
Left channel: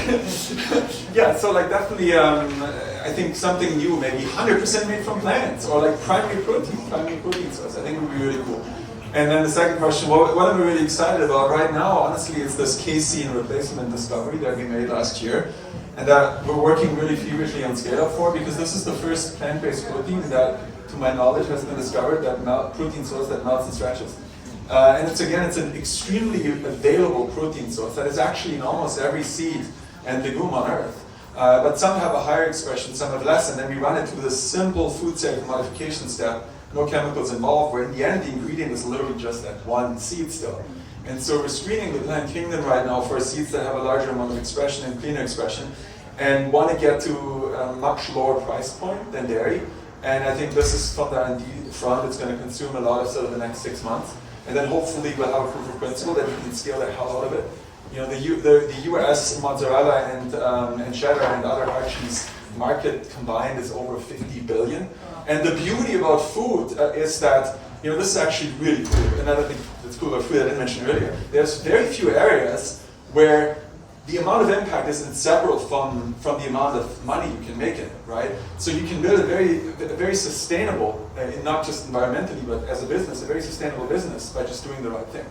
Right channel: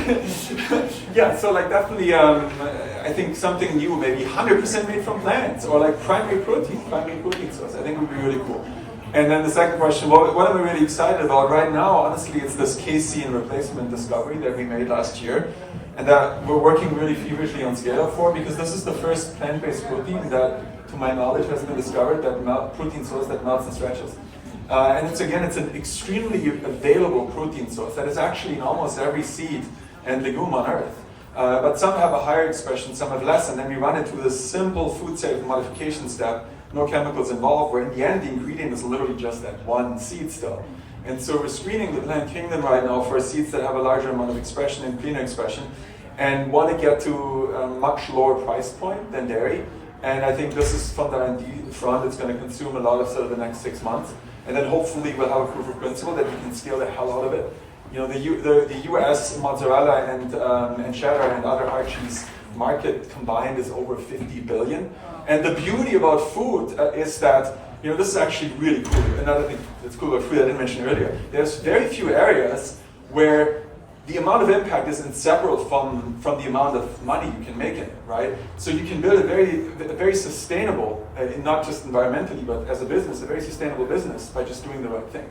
Yeah, so like definitely, I think something new, maybe 100% made from plants, or like primary protein source. I think would be really cool. And then the second question, what am I really excited about right now? Honestly, it's this casein replacement discovery that we made last year, and that we're working really feverishly on scale-up for, because this is the first plant-based protein that, to my knowledge, has been discovered, that protein source that melts and stretches. And it's an extremely available protein source that is actually in almost every seed and legume on Earth. But some have a higher expression, some have less, and then we run it through this simple food cycle modification step, no chemicals involved, where in the end the ingredient is literally just that one seed still. And so we're screening the plant kingdom right now for seeds that have a larger amount of expression and cleaner expression, and want to get to a much lower price point than dairy. And I think this is from the R&D front, it's going to consume a lot of sort of the next 6 months. And then hopefully we'll have a proof of principle that we can scale the hell out of it. The US mozzarella and cheddar and other hard cheese market combined is over 50 billion. And the beauty about food is that, this is actually really cool. Another thing that's cool about food I didn't mention earlier, there's very few areas where the amount of impact is inseparable from the amount of money you can make in it, right? So you can build a very sustainable, not just environmentally, but as a business, a very sustainable business by just doing the right thing.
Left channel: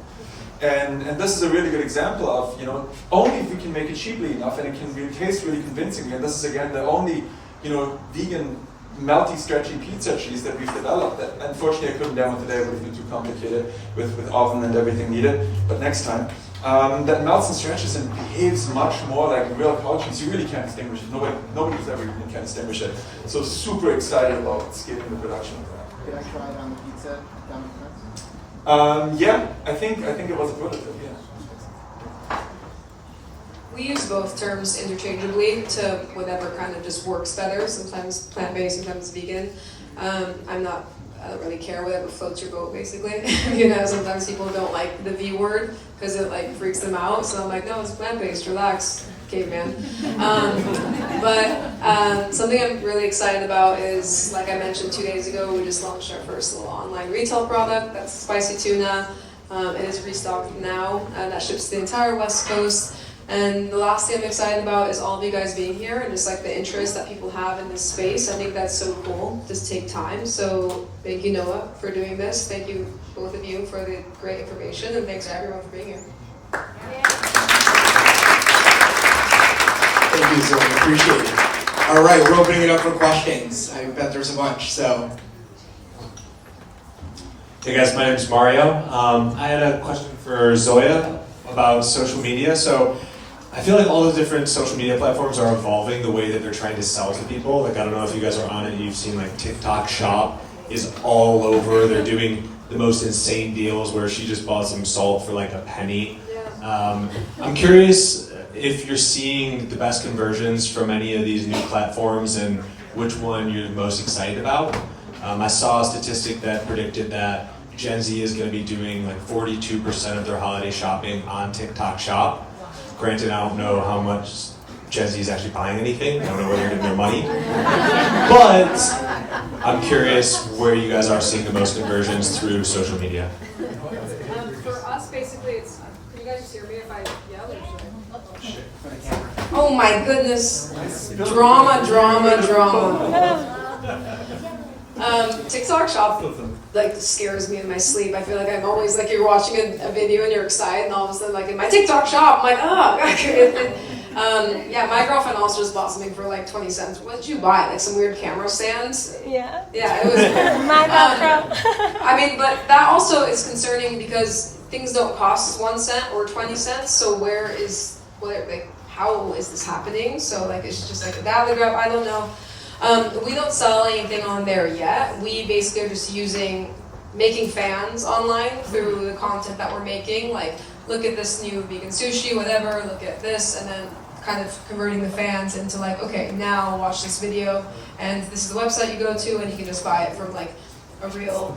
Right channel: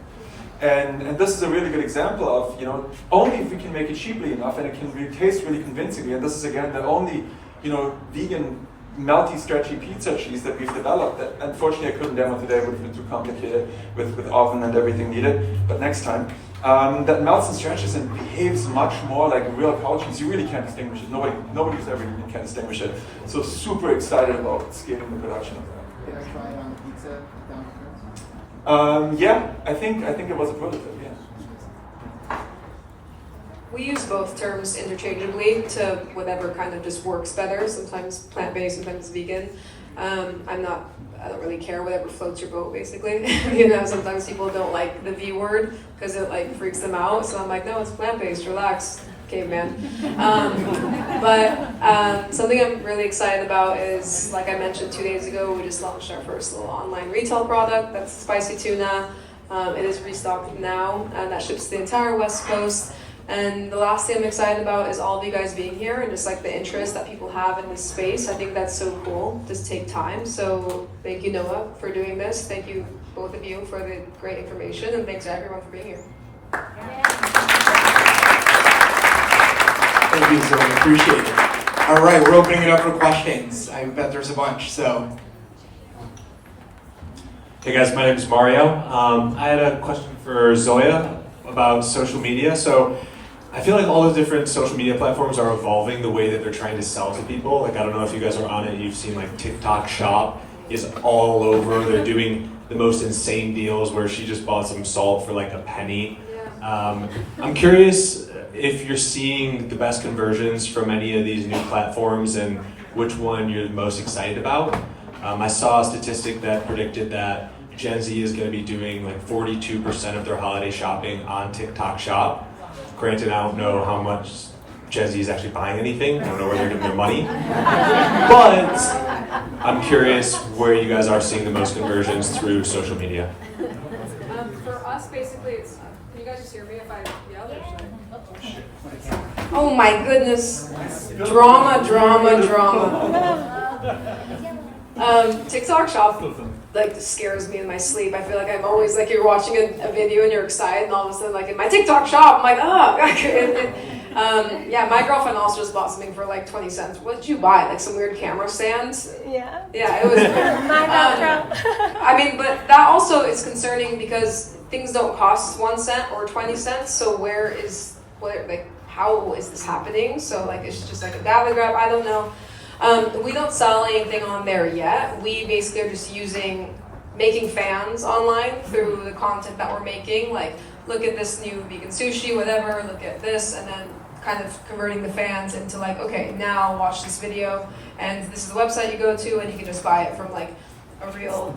And this is a really good example of, you know, only if we can make it cheaply enough and it can really taste really convincingly, and this is again the only, you know, vegan melty, stretchy pizza cheese that we've developed. That unfortunately I couldn't demo today, it would have been too complicated with oven and everything needed, but next time. That melts and stretches and behaves much more like real cow cheese. You really can't distinguish it. Nobody's ever even can distinguish it. So super excited about scaling the production of that. Can I try it on the pizza down in France? Yeah, I think it was a prototype, yeah. We use both terms interchangeably to whatever kind of just works better. Sometimes plant-based, sometimes vegan. I don't really care whatever floats your boat, basically. You know, sometimes people don't like the V word because it like freaks them out. So I'm like, no, it's plant-based, relax, caveman. But something I'm really excited about is, like I mentioned 2 days ago, we just launched our first little online retail product. That's spicy tuna. It is restocked now, and that ships to the entire West Coast. And the last thing I'm excited about is all of you guys being here and just like the interest that people have in this space. I think that's so cool. Just take time. So thank you, Noah, for doing this. Thank you, both of you, for the great information, and thanks to everyone for being here. Thank you, Zoya. Appreciate it. All right, we're opening it up for questions. I bet there's a bunch, so. Hey guys, my name is Mario. I had a question for Zoya about social media. So I feel like all the different social media platforms are evolving the way that they're trying to sell to people. Like, I don't know if you guys are on it, you've seen like TikTok Shop is all over. They're doing the most insane deals where she just bought some salt for like a penny. I'm curious if you're seeing the best conversions from any of these new platforms and which one you're most excited about. I saw a statistic that predicted that Gen Z is going to be doing like 42% of their holiday shopping on TikTok Shop. Granted, I don't know how much Gen Z is actually buying anything. I don't know where they're getting their money. But I'm curious where you guys are seeing the most conversions through social media. For us, basically, it's. Can you guys just hear me if I yell or should I? Oh my goodness. Drama. TikTok Shop like scares me in my sleep. I feel like I'm always like you're watching a video and you're excited, and all of a sudden like in my TikTok Shop, I'm like, oh. Yeah, my girlfriend also just bought something for like 20 cents. What did you buy? Like some weird camera stands? Yeah. Yeah, it was. My background. I mean, but that also is concerning because things don't cost 1 cent or 20 cents. So how is this happening? So like it's just like a dab grab. I don't know. We don't sell anything on there yet. We basically are just making fans online through the content that we're making. Like, look at this new vegan sushi, whatever, look at this, and then kind of converting the fans into like, okay, now watch this video, and this is the website you go to, and you can just buy it from like a real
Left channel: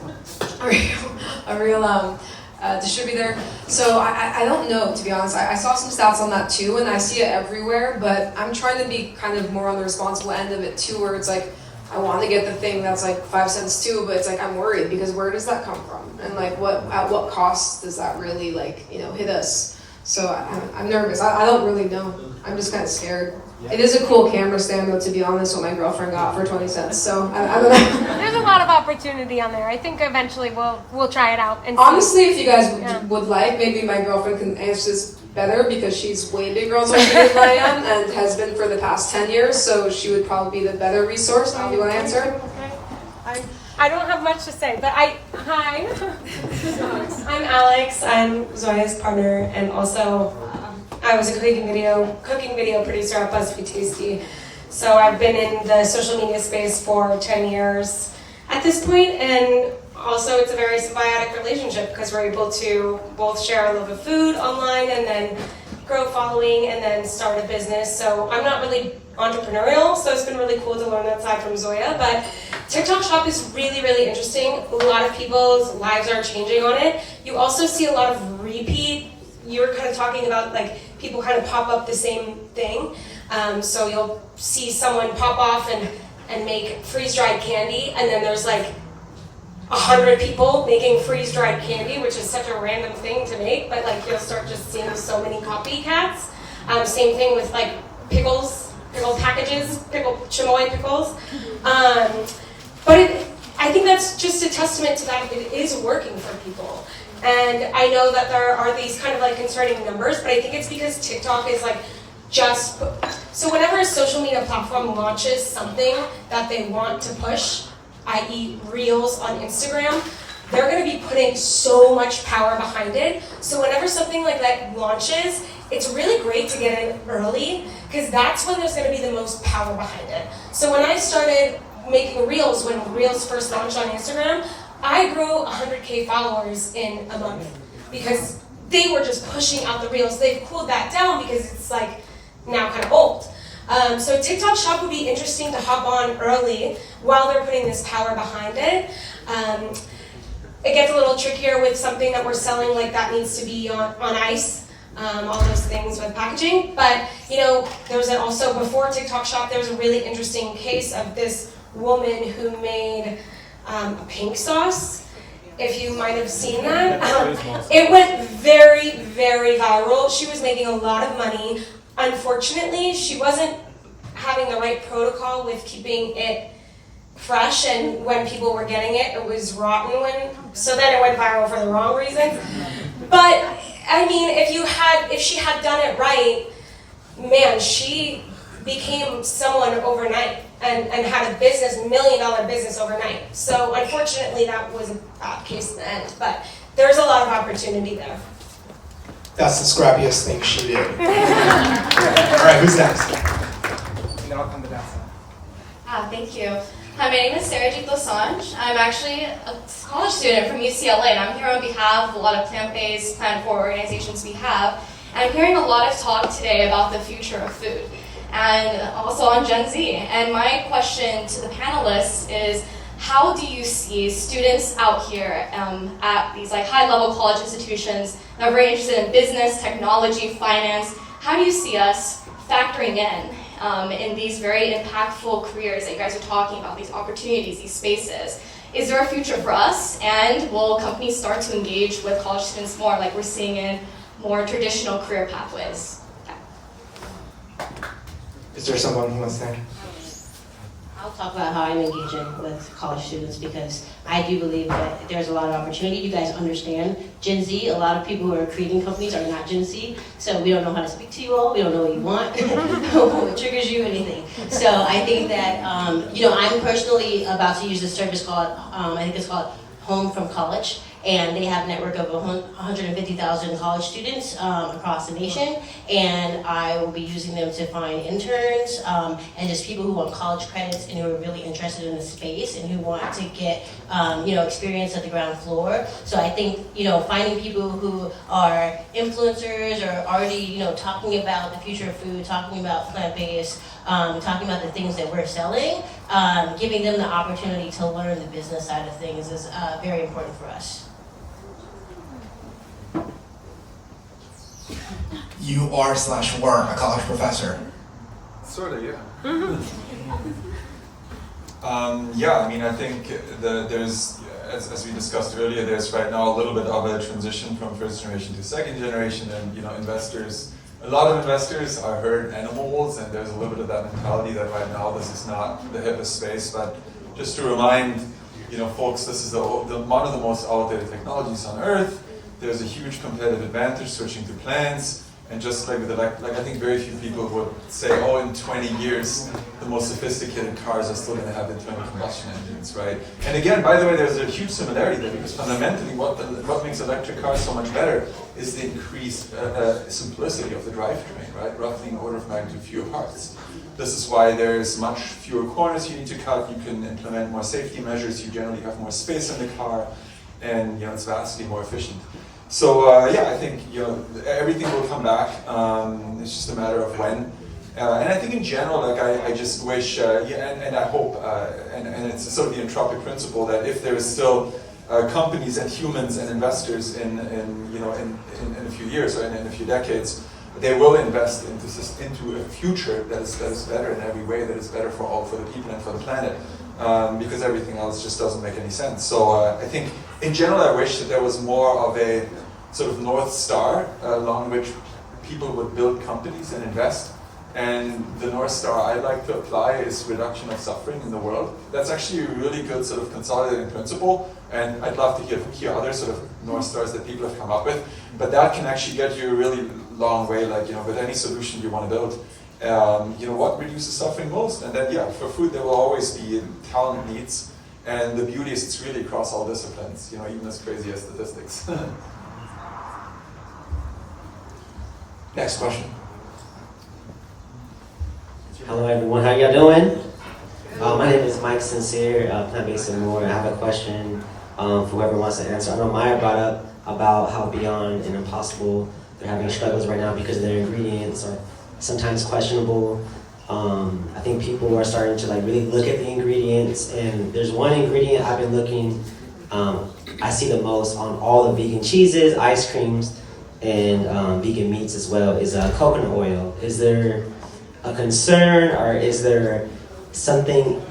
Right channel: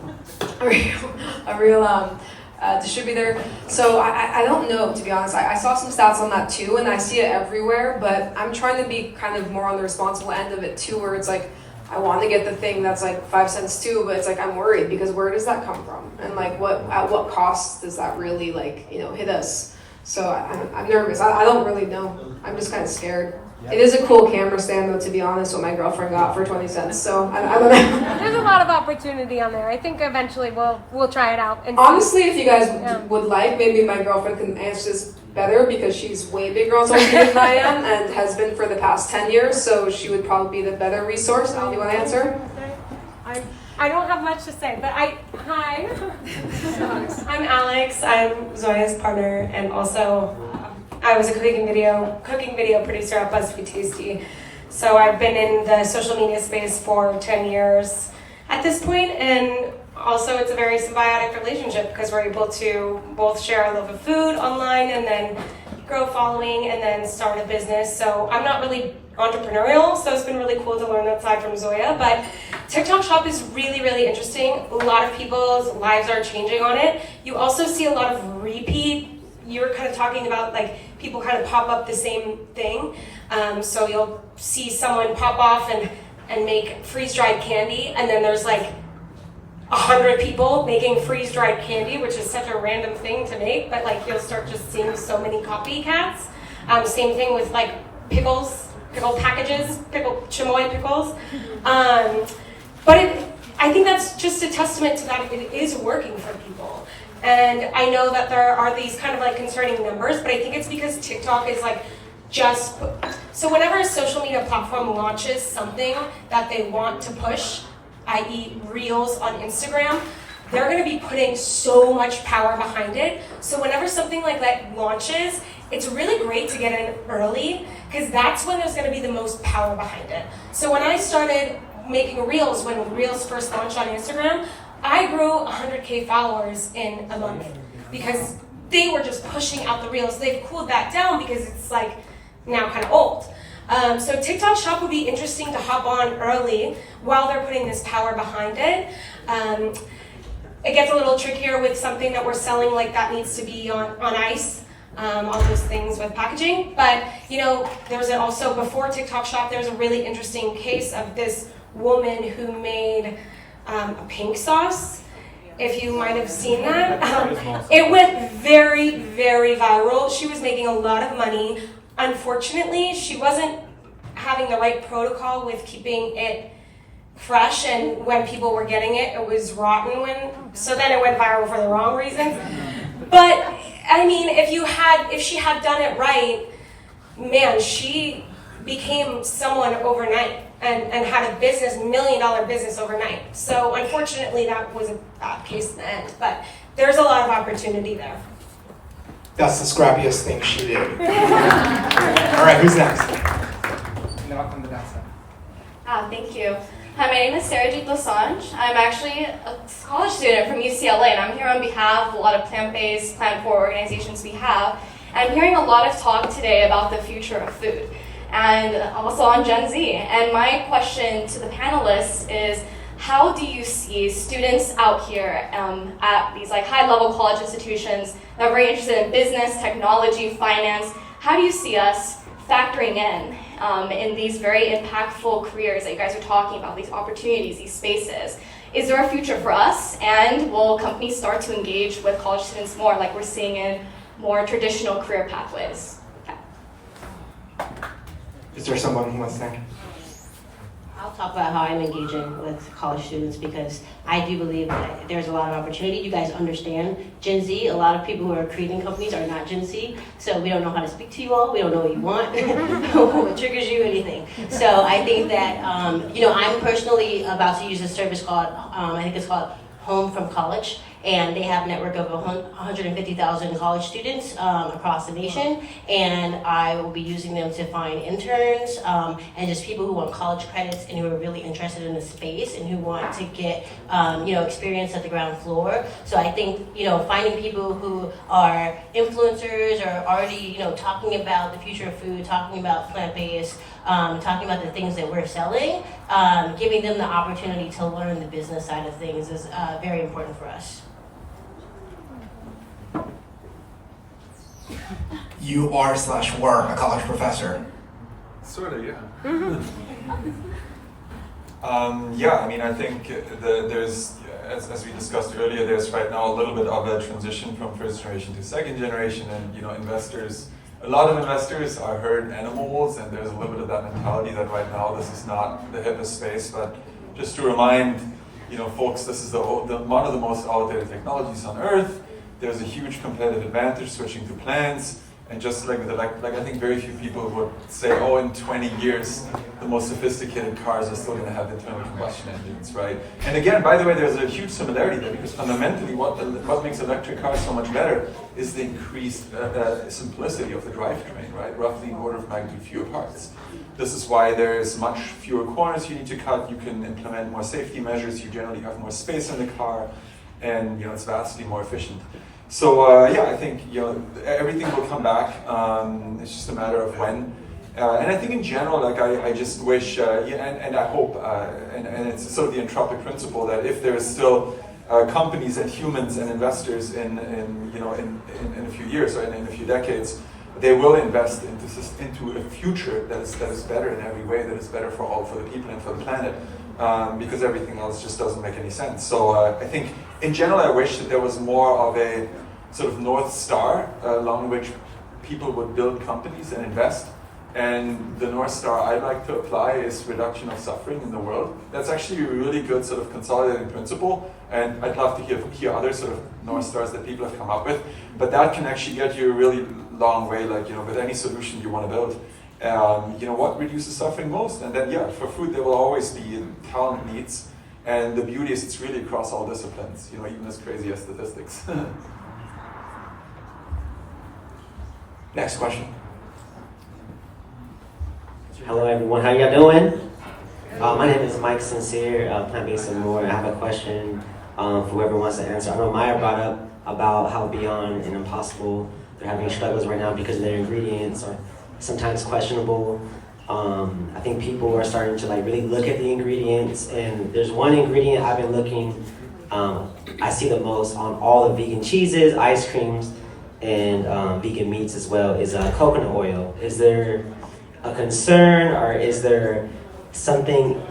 distributor. So I don't know, to be honest. I saw some stats on that too, and I see it everywhere, but I'm trying to be kind of more on the responsible end of it too, where it's like, I want to get the thing that's like 5 cents too, but it's like, I'm worried because where does that come from? And like, at what cost does that really like, hit us? So I'm nervous. I don't really know. I'm just kind of scared. It is a cool camera stand, though, to be honest, what my girlfriend got for 20 cents. So I don't know. There's a lot of opportunity on there. I think eventually we'll try it out. And honestly, if you guys would like, maybe my girlfriend can answer this better because she's way bigger on social media than I am and has been for the past 10 years. So she would probably be the better resource. Now, you want to answer? I don't have much to say, but hi. I'm Alex. I'm Zoya's partner, and also I was a cooking video producer at BuzzFeed Tasty. So I've been in the social media space for 10 years at this point, and also it's a very symbiotic relationship because we're able to both share our love of food online and then grow a following and then start a business. So I'm not really entrepreneurial, so it's been really cool to learn that side from Zoya, but TikTok Shop is really, really interesting. A lot of people's lives are changing on it. You also see a lot of repeat. You're kind of talking about like people kind of pop up the same thing. So you'll see someone pop off and make freeze-dried candy, and then there's like 100 people making freeze-dried candy, which is such a random thing to make, but like you'll start just seeing so many copycats. Same thing with like pickles, pickle packages, pickle chamoy pickles. But I think that's just a testament to that it is working for people. And I know that there are these kind of like concerning numbers, but I think it's because TikTok is like so whenever a social media platform launches something that they want to push, i.e. Reels on Instagram, they're going to be putting so much power behind it. So whenever something like that launches, it's really great to get in early, because that's when there's going to be the most power behind it. So when I started making Reels, when Reels first launched on Instagram, I grew 100K followers in a month, because they were just pushing out the Reels. They've cooled that down because it's like now kind of old. So TikTok Shop would be interesting to hop on early while they're putting this power behind it. It gets a little trickier with something that we're selling, like that needs to be on ice, all those things with packaging. But you know, there was also, before TikTok Shop, there was a really interesting case of this woman who made a pink sauce. If you might have seen that. It went very, very viral. She was making a lot of money. Unfortunately, she wasn't having the right protocol with keeping it fresh, and when people were getting it, it was rotten so then it went viral for the wrong reasons. But I mean, if she had done it right, man, she became someone overnight and had a business, $1 million business overnight. So unfortunately, that was a bad case in the end, but there's a lot of opportunity there. That's the scrappiest thing she did. All right, who's next? And then I'll come to that side. Thank you. Hi, my name is Sarajit Dosanjh. I'm actually a college student from UCLA, and I'm here on behalf of a lot of plant-based, plant-forward organizations we have. And I'm hearing a lot of talk today about the future of food, and also on Gen Z. And my question to the panelists is, how do you see students out here at these like high-level college institutions that are very interested in business, technology, finance? How do you see us factoring in these very impactful careers that you guys are talking about, these opportunities, these spaces? Is there a future for us? And will companies start to engage with college students more, like we're seeing in more traditional career pathways? Is there someone who wants to? I'll talk about how I'm engaging with college students, because I do believe that there's a lot of opportunity. You guys understand Gen Z. A lot of people who are creating companies are not Gen Z, so we don't know how to speak to you all. We don't know what you want, what triggers you, anything. So I think that I'm personally about to use a service called I think it's called Home from College. And they have a network of 150,000 college students across the nation, and I will be using them to find interns and just people who want college credits and who are really interested in the space and who want to get experience at the ground floor. So I think finding people who are influencers or already talking about the future of food, talking about plant-based, talking about the things that we're selling, giving them the opportunity to learn the business side of things is very important for us. You are/were a college professor. Sort of, yeah. I mean, I think there's, as we discussed earlier, there's right now a little bit of a transition from first generation to second generation, and investors, a lot of investors are herd animals, and there's a little bit of that mentality that right now this is not the hippest space. But just to remind, folks, this is one of the most outdated technologies on Earth. There's a huge competitive advantage switching to plants. And just like I think very few people would say, oh, in 20 years, the most sophisticated cars are still going to have internal combustion engines, right? And again, by the way, there's a huge similarity there, because fundamentally what makes electric cars so much better is the increased simplicity of the drivetrain, right? Roughly an order of magnitude fewer parts. This is why there's much fewer corners you need to cut. You can implement more safety measures. You generally have more space in the car, and it's vastly more efficient. So I think everything will come back. It's just a matter of when. And I think in general, I just wish, and I hope, and it's sort of the entropic principle that if there is still companies and humans and investors in a few years or in a few decades, they will invest into a future that is better in every way, that is better for the people and for the planet. Because everything else just doesn't make any sense. So I think, in general, I wish that there was more of a sort of North Star along which people would build companies and invest. And the North Star I like to apply is reduction of suffering in the world. That's actually a really good sort of consolidating principle, and I'd love to hear other sort of North Stars that people have come up with. But that can actually get you a really long way, like, you know, with any solution you want to build. You know, what reduces suffering most? And then, yeah, for food there will always be talent needs, and the beauty is it's really across all disciplines, you know, even as crazy as statistics. Next question. Hello everyone, how y'all doing? My name is Mike Sincere, Plant-Based and More. I have a question for whoever wants to answer. I know Maya brought up about how Beyond and Impossible, they're having struggles right now because their ingredients are sometimes questionable. I think people are starting to like really look at the ingredients, and there's one ingredient I've been looking, I see the most on all the vegan cheeses, ice creams, and vegan meats as well, is coconut oil. Is there a concern, or is there something,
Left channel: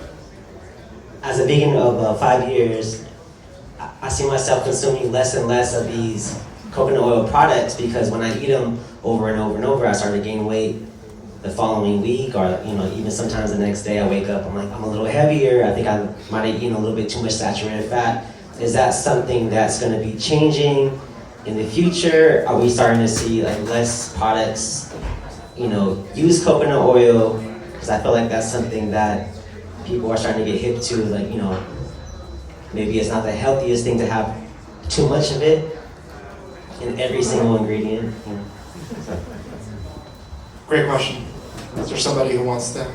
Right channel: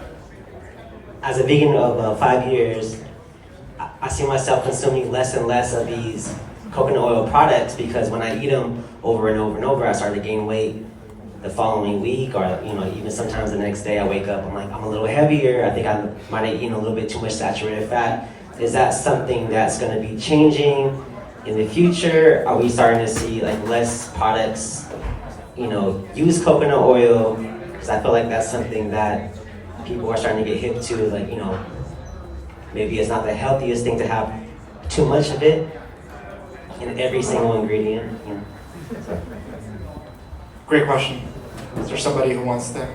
as a vegan of 5 years, I see myself consuming less and less of these coconut oil products, because when I eat them over and over and over, I start to gain weight the following week, or you know, even sometimes the next day I wake up, I'm like, I'm a little heavier, I think I might have eaten a little bit too much saturated fat. Is that something that's gonna be changing in the future? Are we starting to see like less products, you know, use coconut oil? Because I feel like that's something that people are starting to get hip to, like, you know, maybe it's not the healthiest thing to have too much of it in every single ingredient. You know. Great question. Is there somebody who wants to?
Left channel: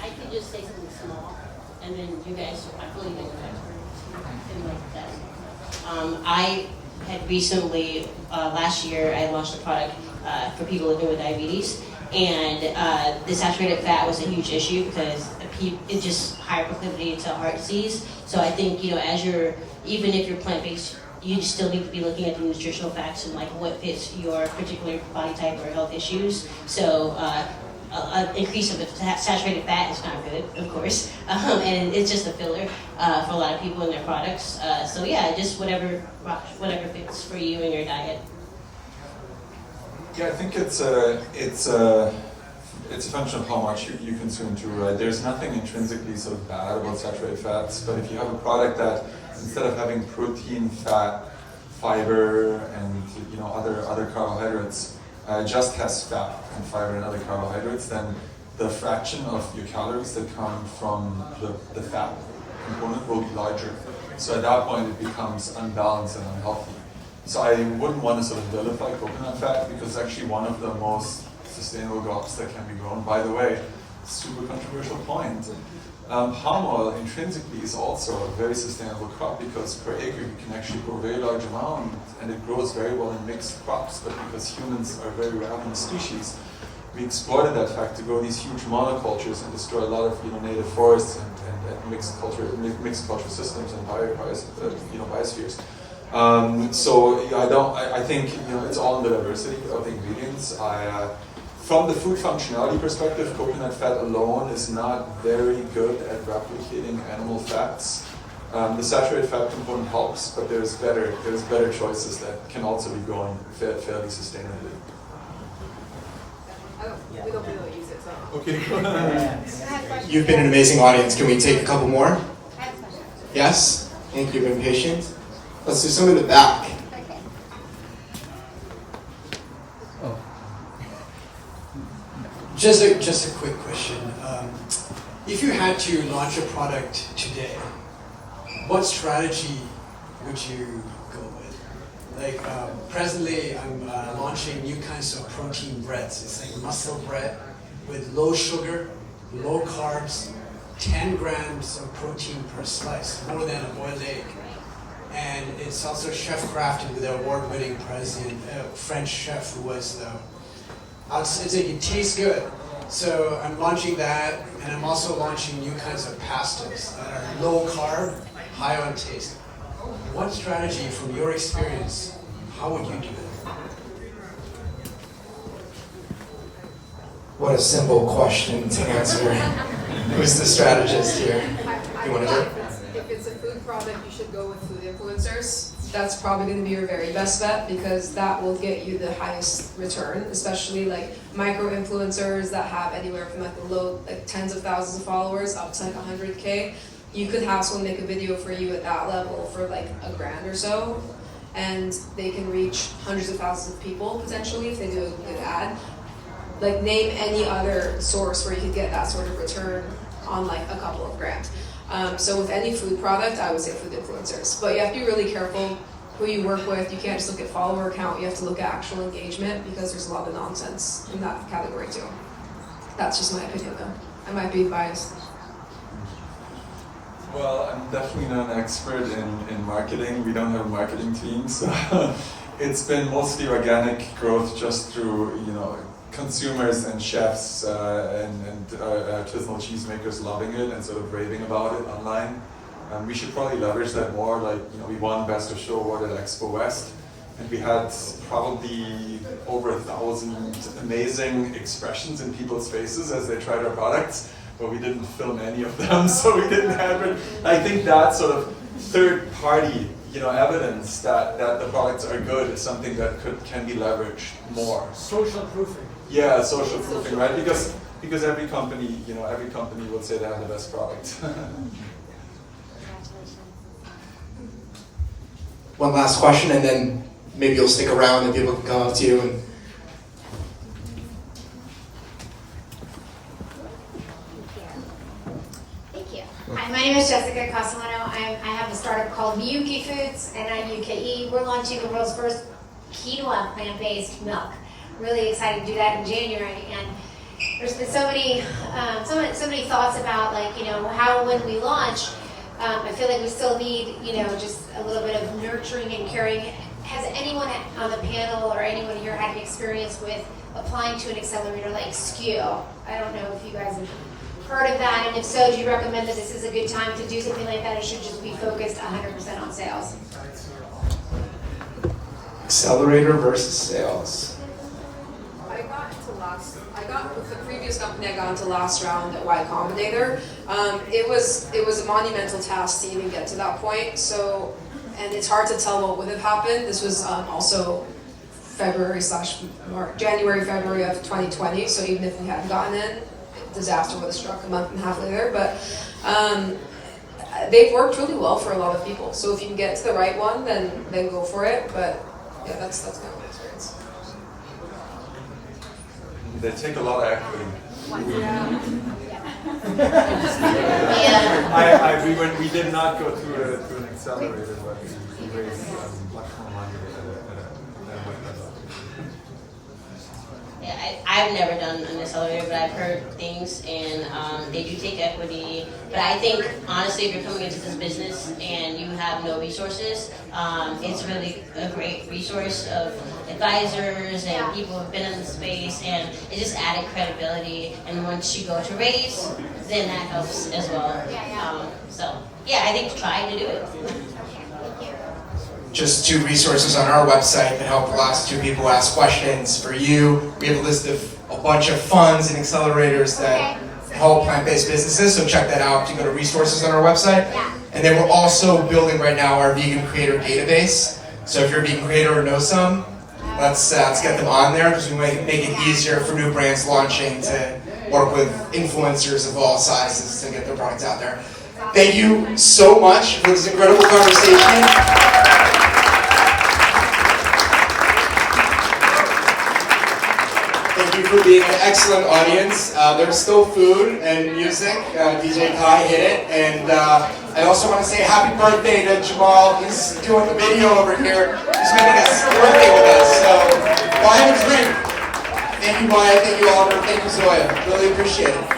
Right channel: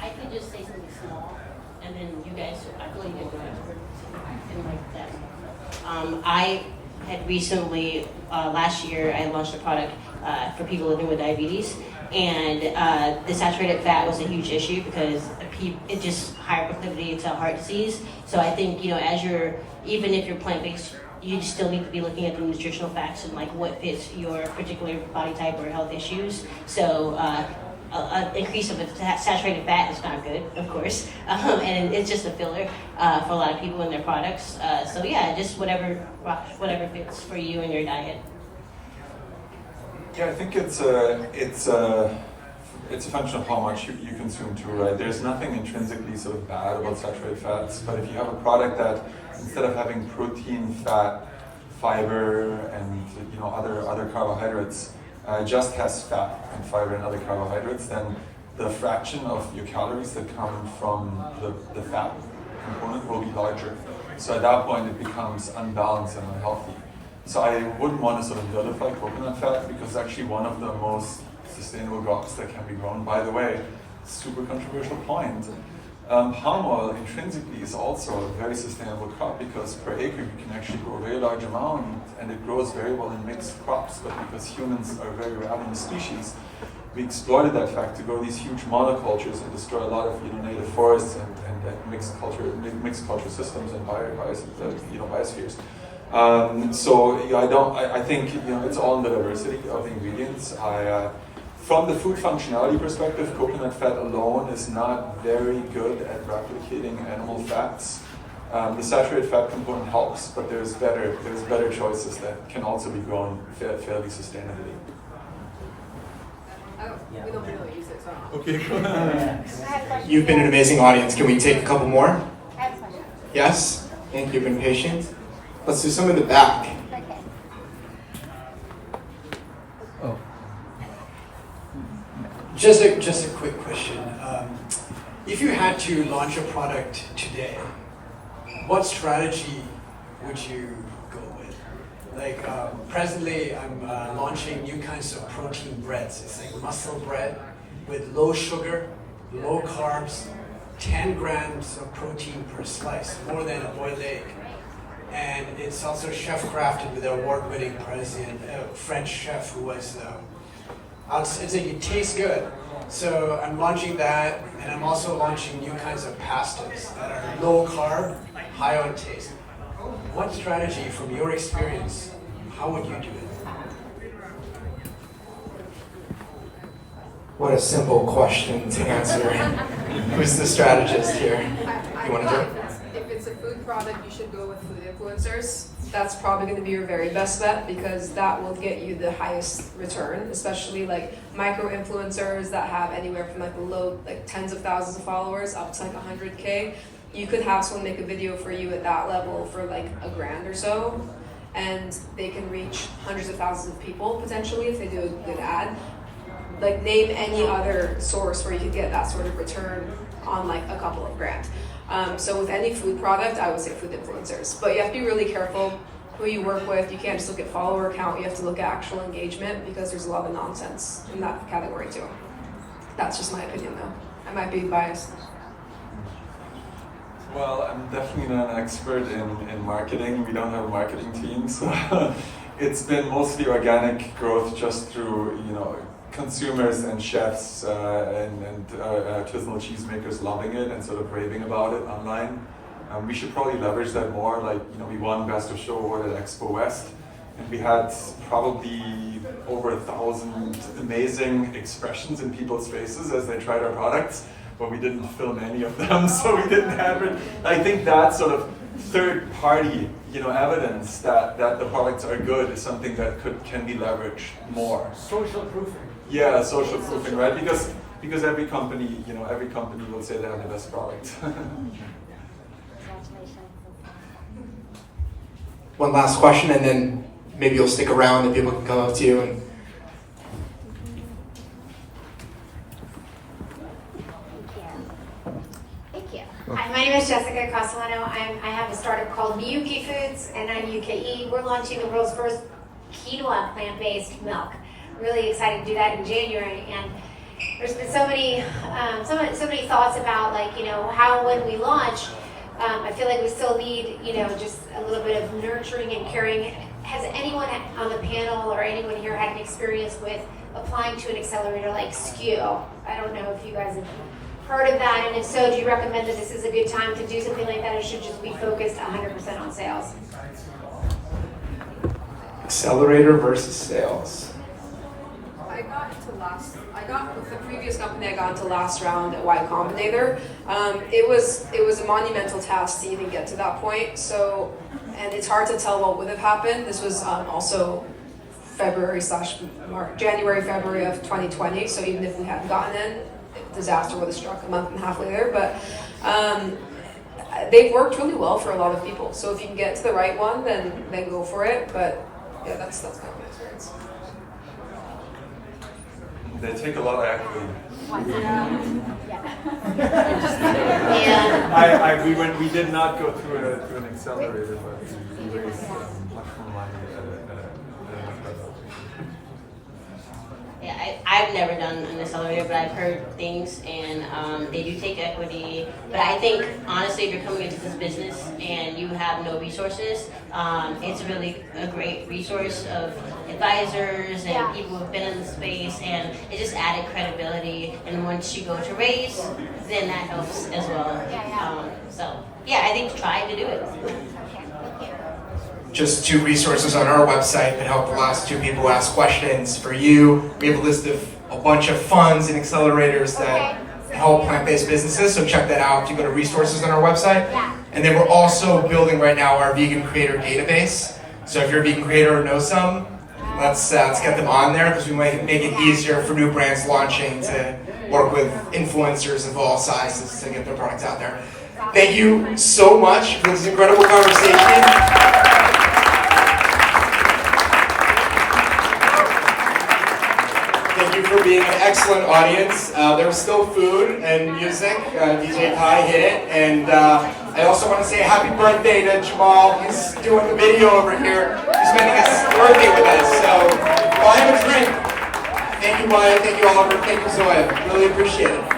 I could just say something small, and then you guys, I believe in you experts in like that. I had recently, last year, I launched a product for people living with diabetes, and the saturated fat was a huge issue because it just higher proclivity to heart disease. So I think, you know, as you're, even if you're plant-based, you still need to be looking at the nutritional facts and like what fits your particular body type or health issues. So an increase of saturated fat is not good, of course, and it's just a filler for a lot of people in their products. So yeah, just whatever fits for you and your diet. Yeah, I think it's a function of how much you consume too, right? There's nothing intrinsically sort of bad about saturated fats, but if you have a product that instead of having protein, fat, fiber, and you know other carbohydrates, just has fat and fiber and other carbohydrates, then the fraction of your calories that come from the fat component will be larger. So at that point it becomes unbalanced and unhealthy. So I wouldn't want to sort of vilify coconut fat, because it's actually one of the most sustainable crops that can be grown. By the way, super controversial point. Palm oil intrinsically is also a very sustainable crop, because per acre you can actually grow a very large amount, and it grows very well in mixed crops. But because humans are very ravenous species, we exploited that fact to grow these huge monocultures and destroy a lot of native forests and mixed culture systems and biospheres. So I think it's all in the diversity of the ingredients. From the food functionality perspective, coconut fat alone is not very good at replicating animal fats. The saturated fat component helps, but there's better choices that can also be grown fairly sustainably. We don't really use it, so. Okay, go ahead. You've been an amazing audience. Can we take a couple more? Yes? Thank you. You've been patient. Let's do some in the back. Just a quick question. If you had to launch a product today, what strategy would you go with? Like presently, I'm launching new kinds of protein breads. It's like muscle bread with low sugar, low carbs, 10 grams of protein per slice, more than a boiled egg. And it's also chef crafted with an award-winning president, French chef who was I'd say it tastes good. So I'm launching that, and I'm also launching new kinds of pastas that are low carb, high on taste. What strategy, from your experience, how would you do it? What a simple question to answer. Who's the strategist here? I You want to thought do it? if it's a food product, you should go with food influencers. that's probably going to be your very best bet, because that will get you the highest return, especially like micro influencers that have anywhere from like low, like tens of thousands of followers up to like 100K. You could have someone make a video for you at that level for like $1,000 or so, and they can reach hundreds of thousands of people potentially if they do a good ad. Like, name any other source where you could get that sort of return on like a couple of grand. So with any food product, I would say food influencers. But you have to be really careful who you work with. You can't just look at follower count. You have to look at actual engagement, because there's a lot of nonsense in that category too. That's just my opinion though. I might be biased. Well, I'm definitely not an expert in marketing. We don't have a marketing team, so it's been mostly organic growth just through, consumers and chefs and artisanal cheesemakers loving it and sort of raving about it online. We should probably leverage that more. Like, we won Best of Show Award at Expo West, and we had probably over 1,000 amazing expressions in people's faces as they tried our products, but we didn't film any of them, so we didn't have it. I think that sort of third-party, evidence that the products are good is something that can be leveraged more. Social proofing. Yeah, social proofing, right? Because every company will say they have the best product. One last question, and then maybe you'll stick around and people can come up to you. And Thank you. Hi, my name is Jessica Castellano. I have a startup called Miyuki Foods, and I'm UKE. We're launching the world's first quinoa plant-based milk. Really excited to do that in January, and there's been so many thoughts about how when we launch. I feel like we still need just a little bit of nurturing and caring. Has anyone on the panel or anyone here had an experience with applying to an accelerator like SKU? I don't know if you guys have heard of that, and if so, do you recommend that this is a good time to do something like that, or should just be focused 100% on sales? accelerator versus sales. I got with the previous company, I got into last round at Y Combinator. It was a monumental task to even get to that point. So, and it's hard to tell what would have happened. This was also January, February of 2020. So even if we hadn't gotten in, disaster would have struck a month and a half later. But they've worked really well for a lot of people. So if you can get to the right one, then go for it. But yeah, that's kind of my experience. They take a lot of equity. Yeah. We did not go through an accelerator, but we raised much more money at a much better location. Yeah, I've never done an accelerator, but I've heard things, and they do take equity. But I think, honestly, if you're coming into this business and you have no resources, it's really a great resource of advisors and people who've been in the space, and it just added credibility. And once you go to raise, then that helps as well. So, yeah, I think trying to do it. Just 2 resources on our website that help the last 2 people who ask questions. For you, we have a list of a bunch of funds and accelerators that help plant-based businesses, so check that out if you go to resources on our website. And then we're also building right now our vegan creator database. So if you're a vegan creator or know some, let's get them on there, because we might make it easier for new brands launching to work with influencers of all sizes to get their products out there. Thank you so much for this incredible conversation. Thank you for being an excellent audience. There's still food and music. DJ Kai hit it. And I also want to say happy birthday to Jamal. He's doing the video over here. He's making his birthday with us. So go ahead and drink. Thank you, Maya. Thank you, Oliver. Thank you, Zoya. Really appreciate it.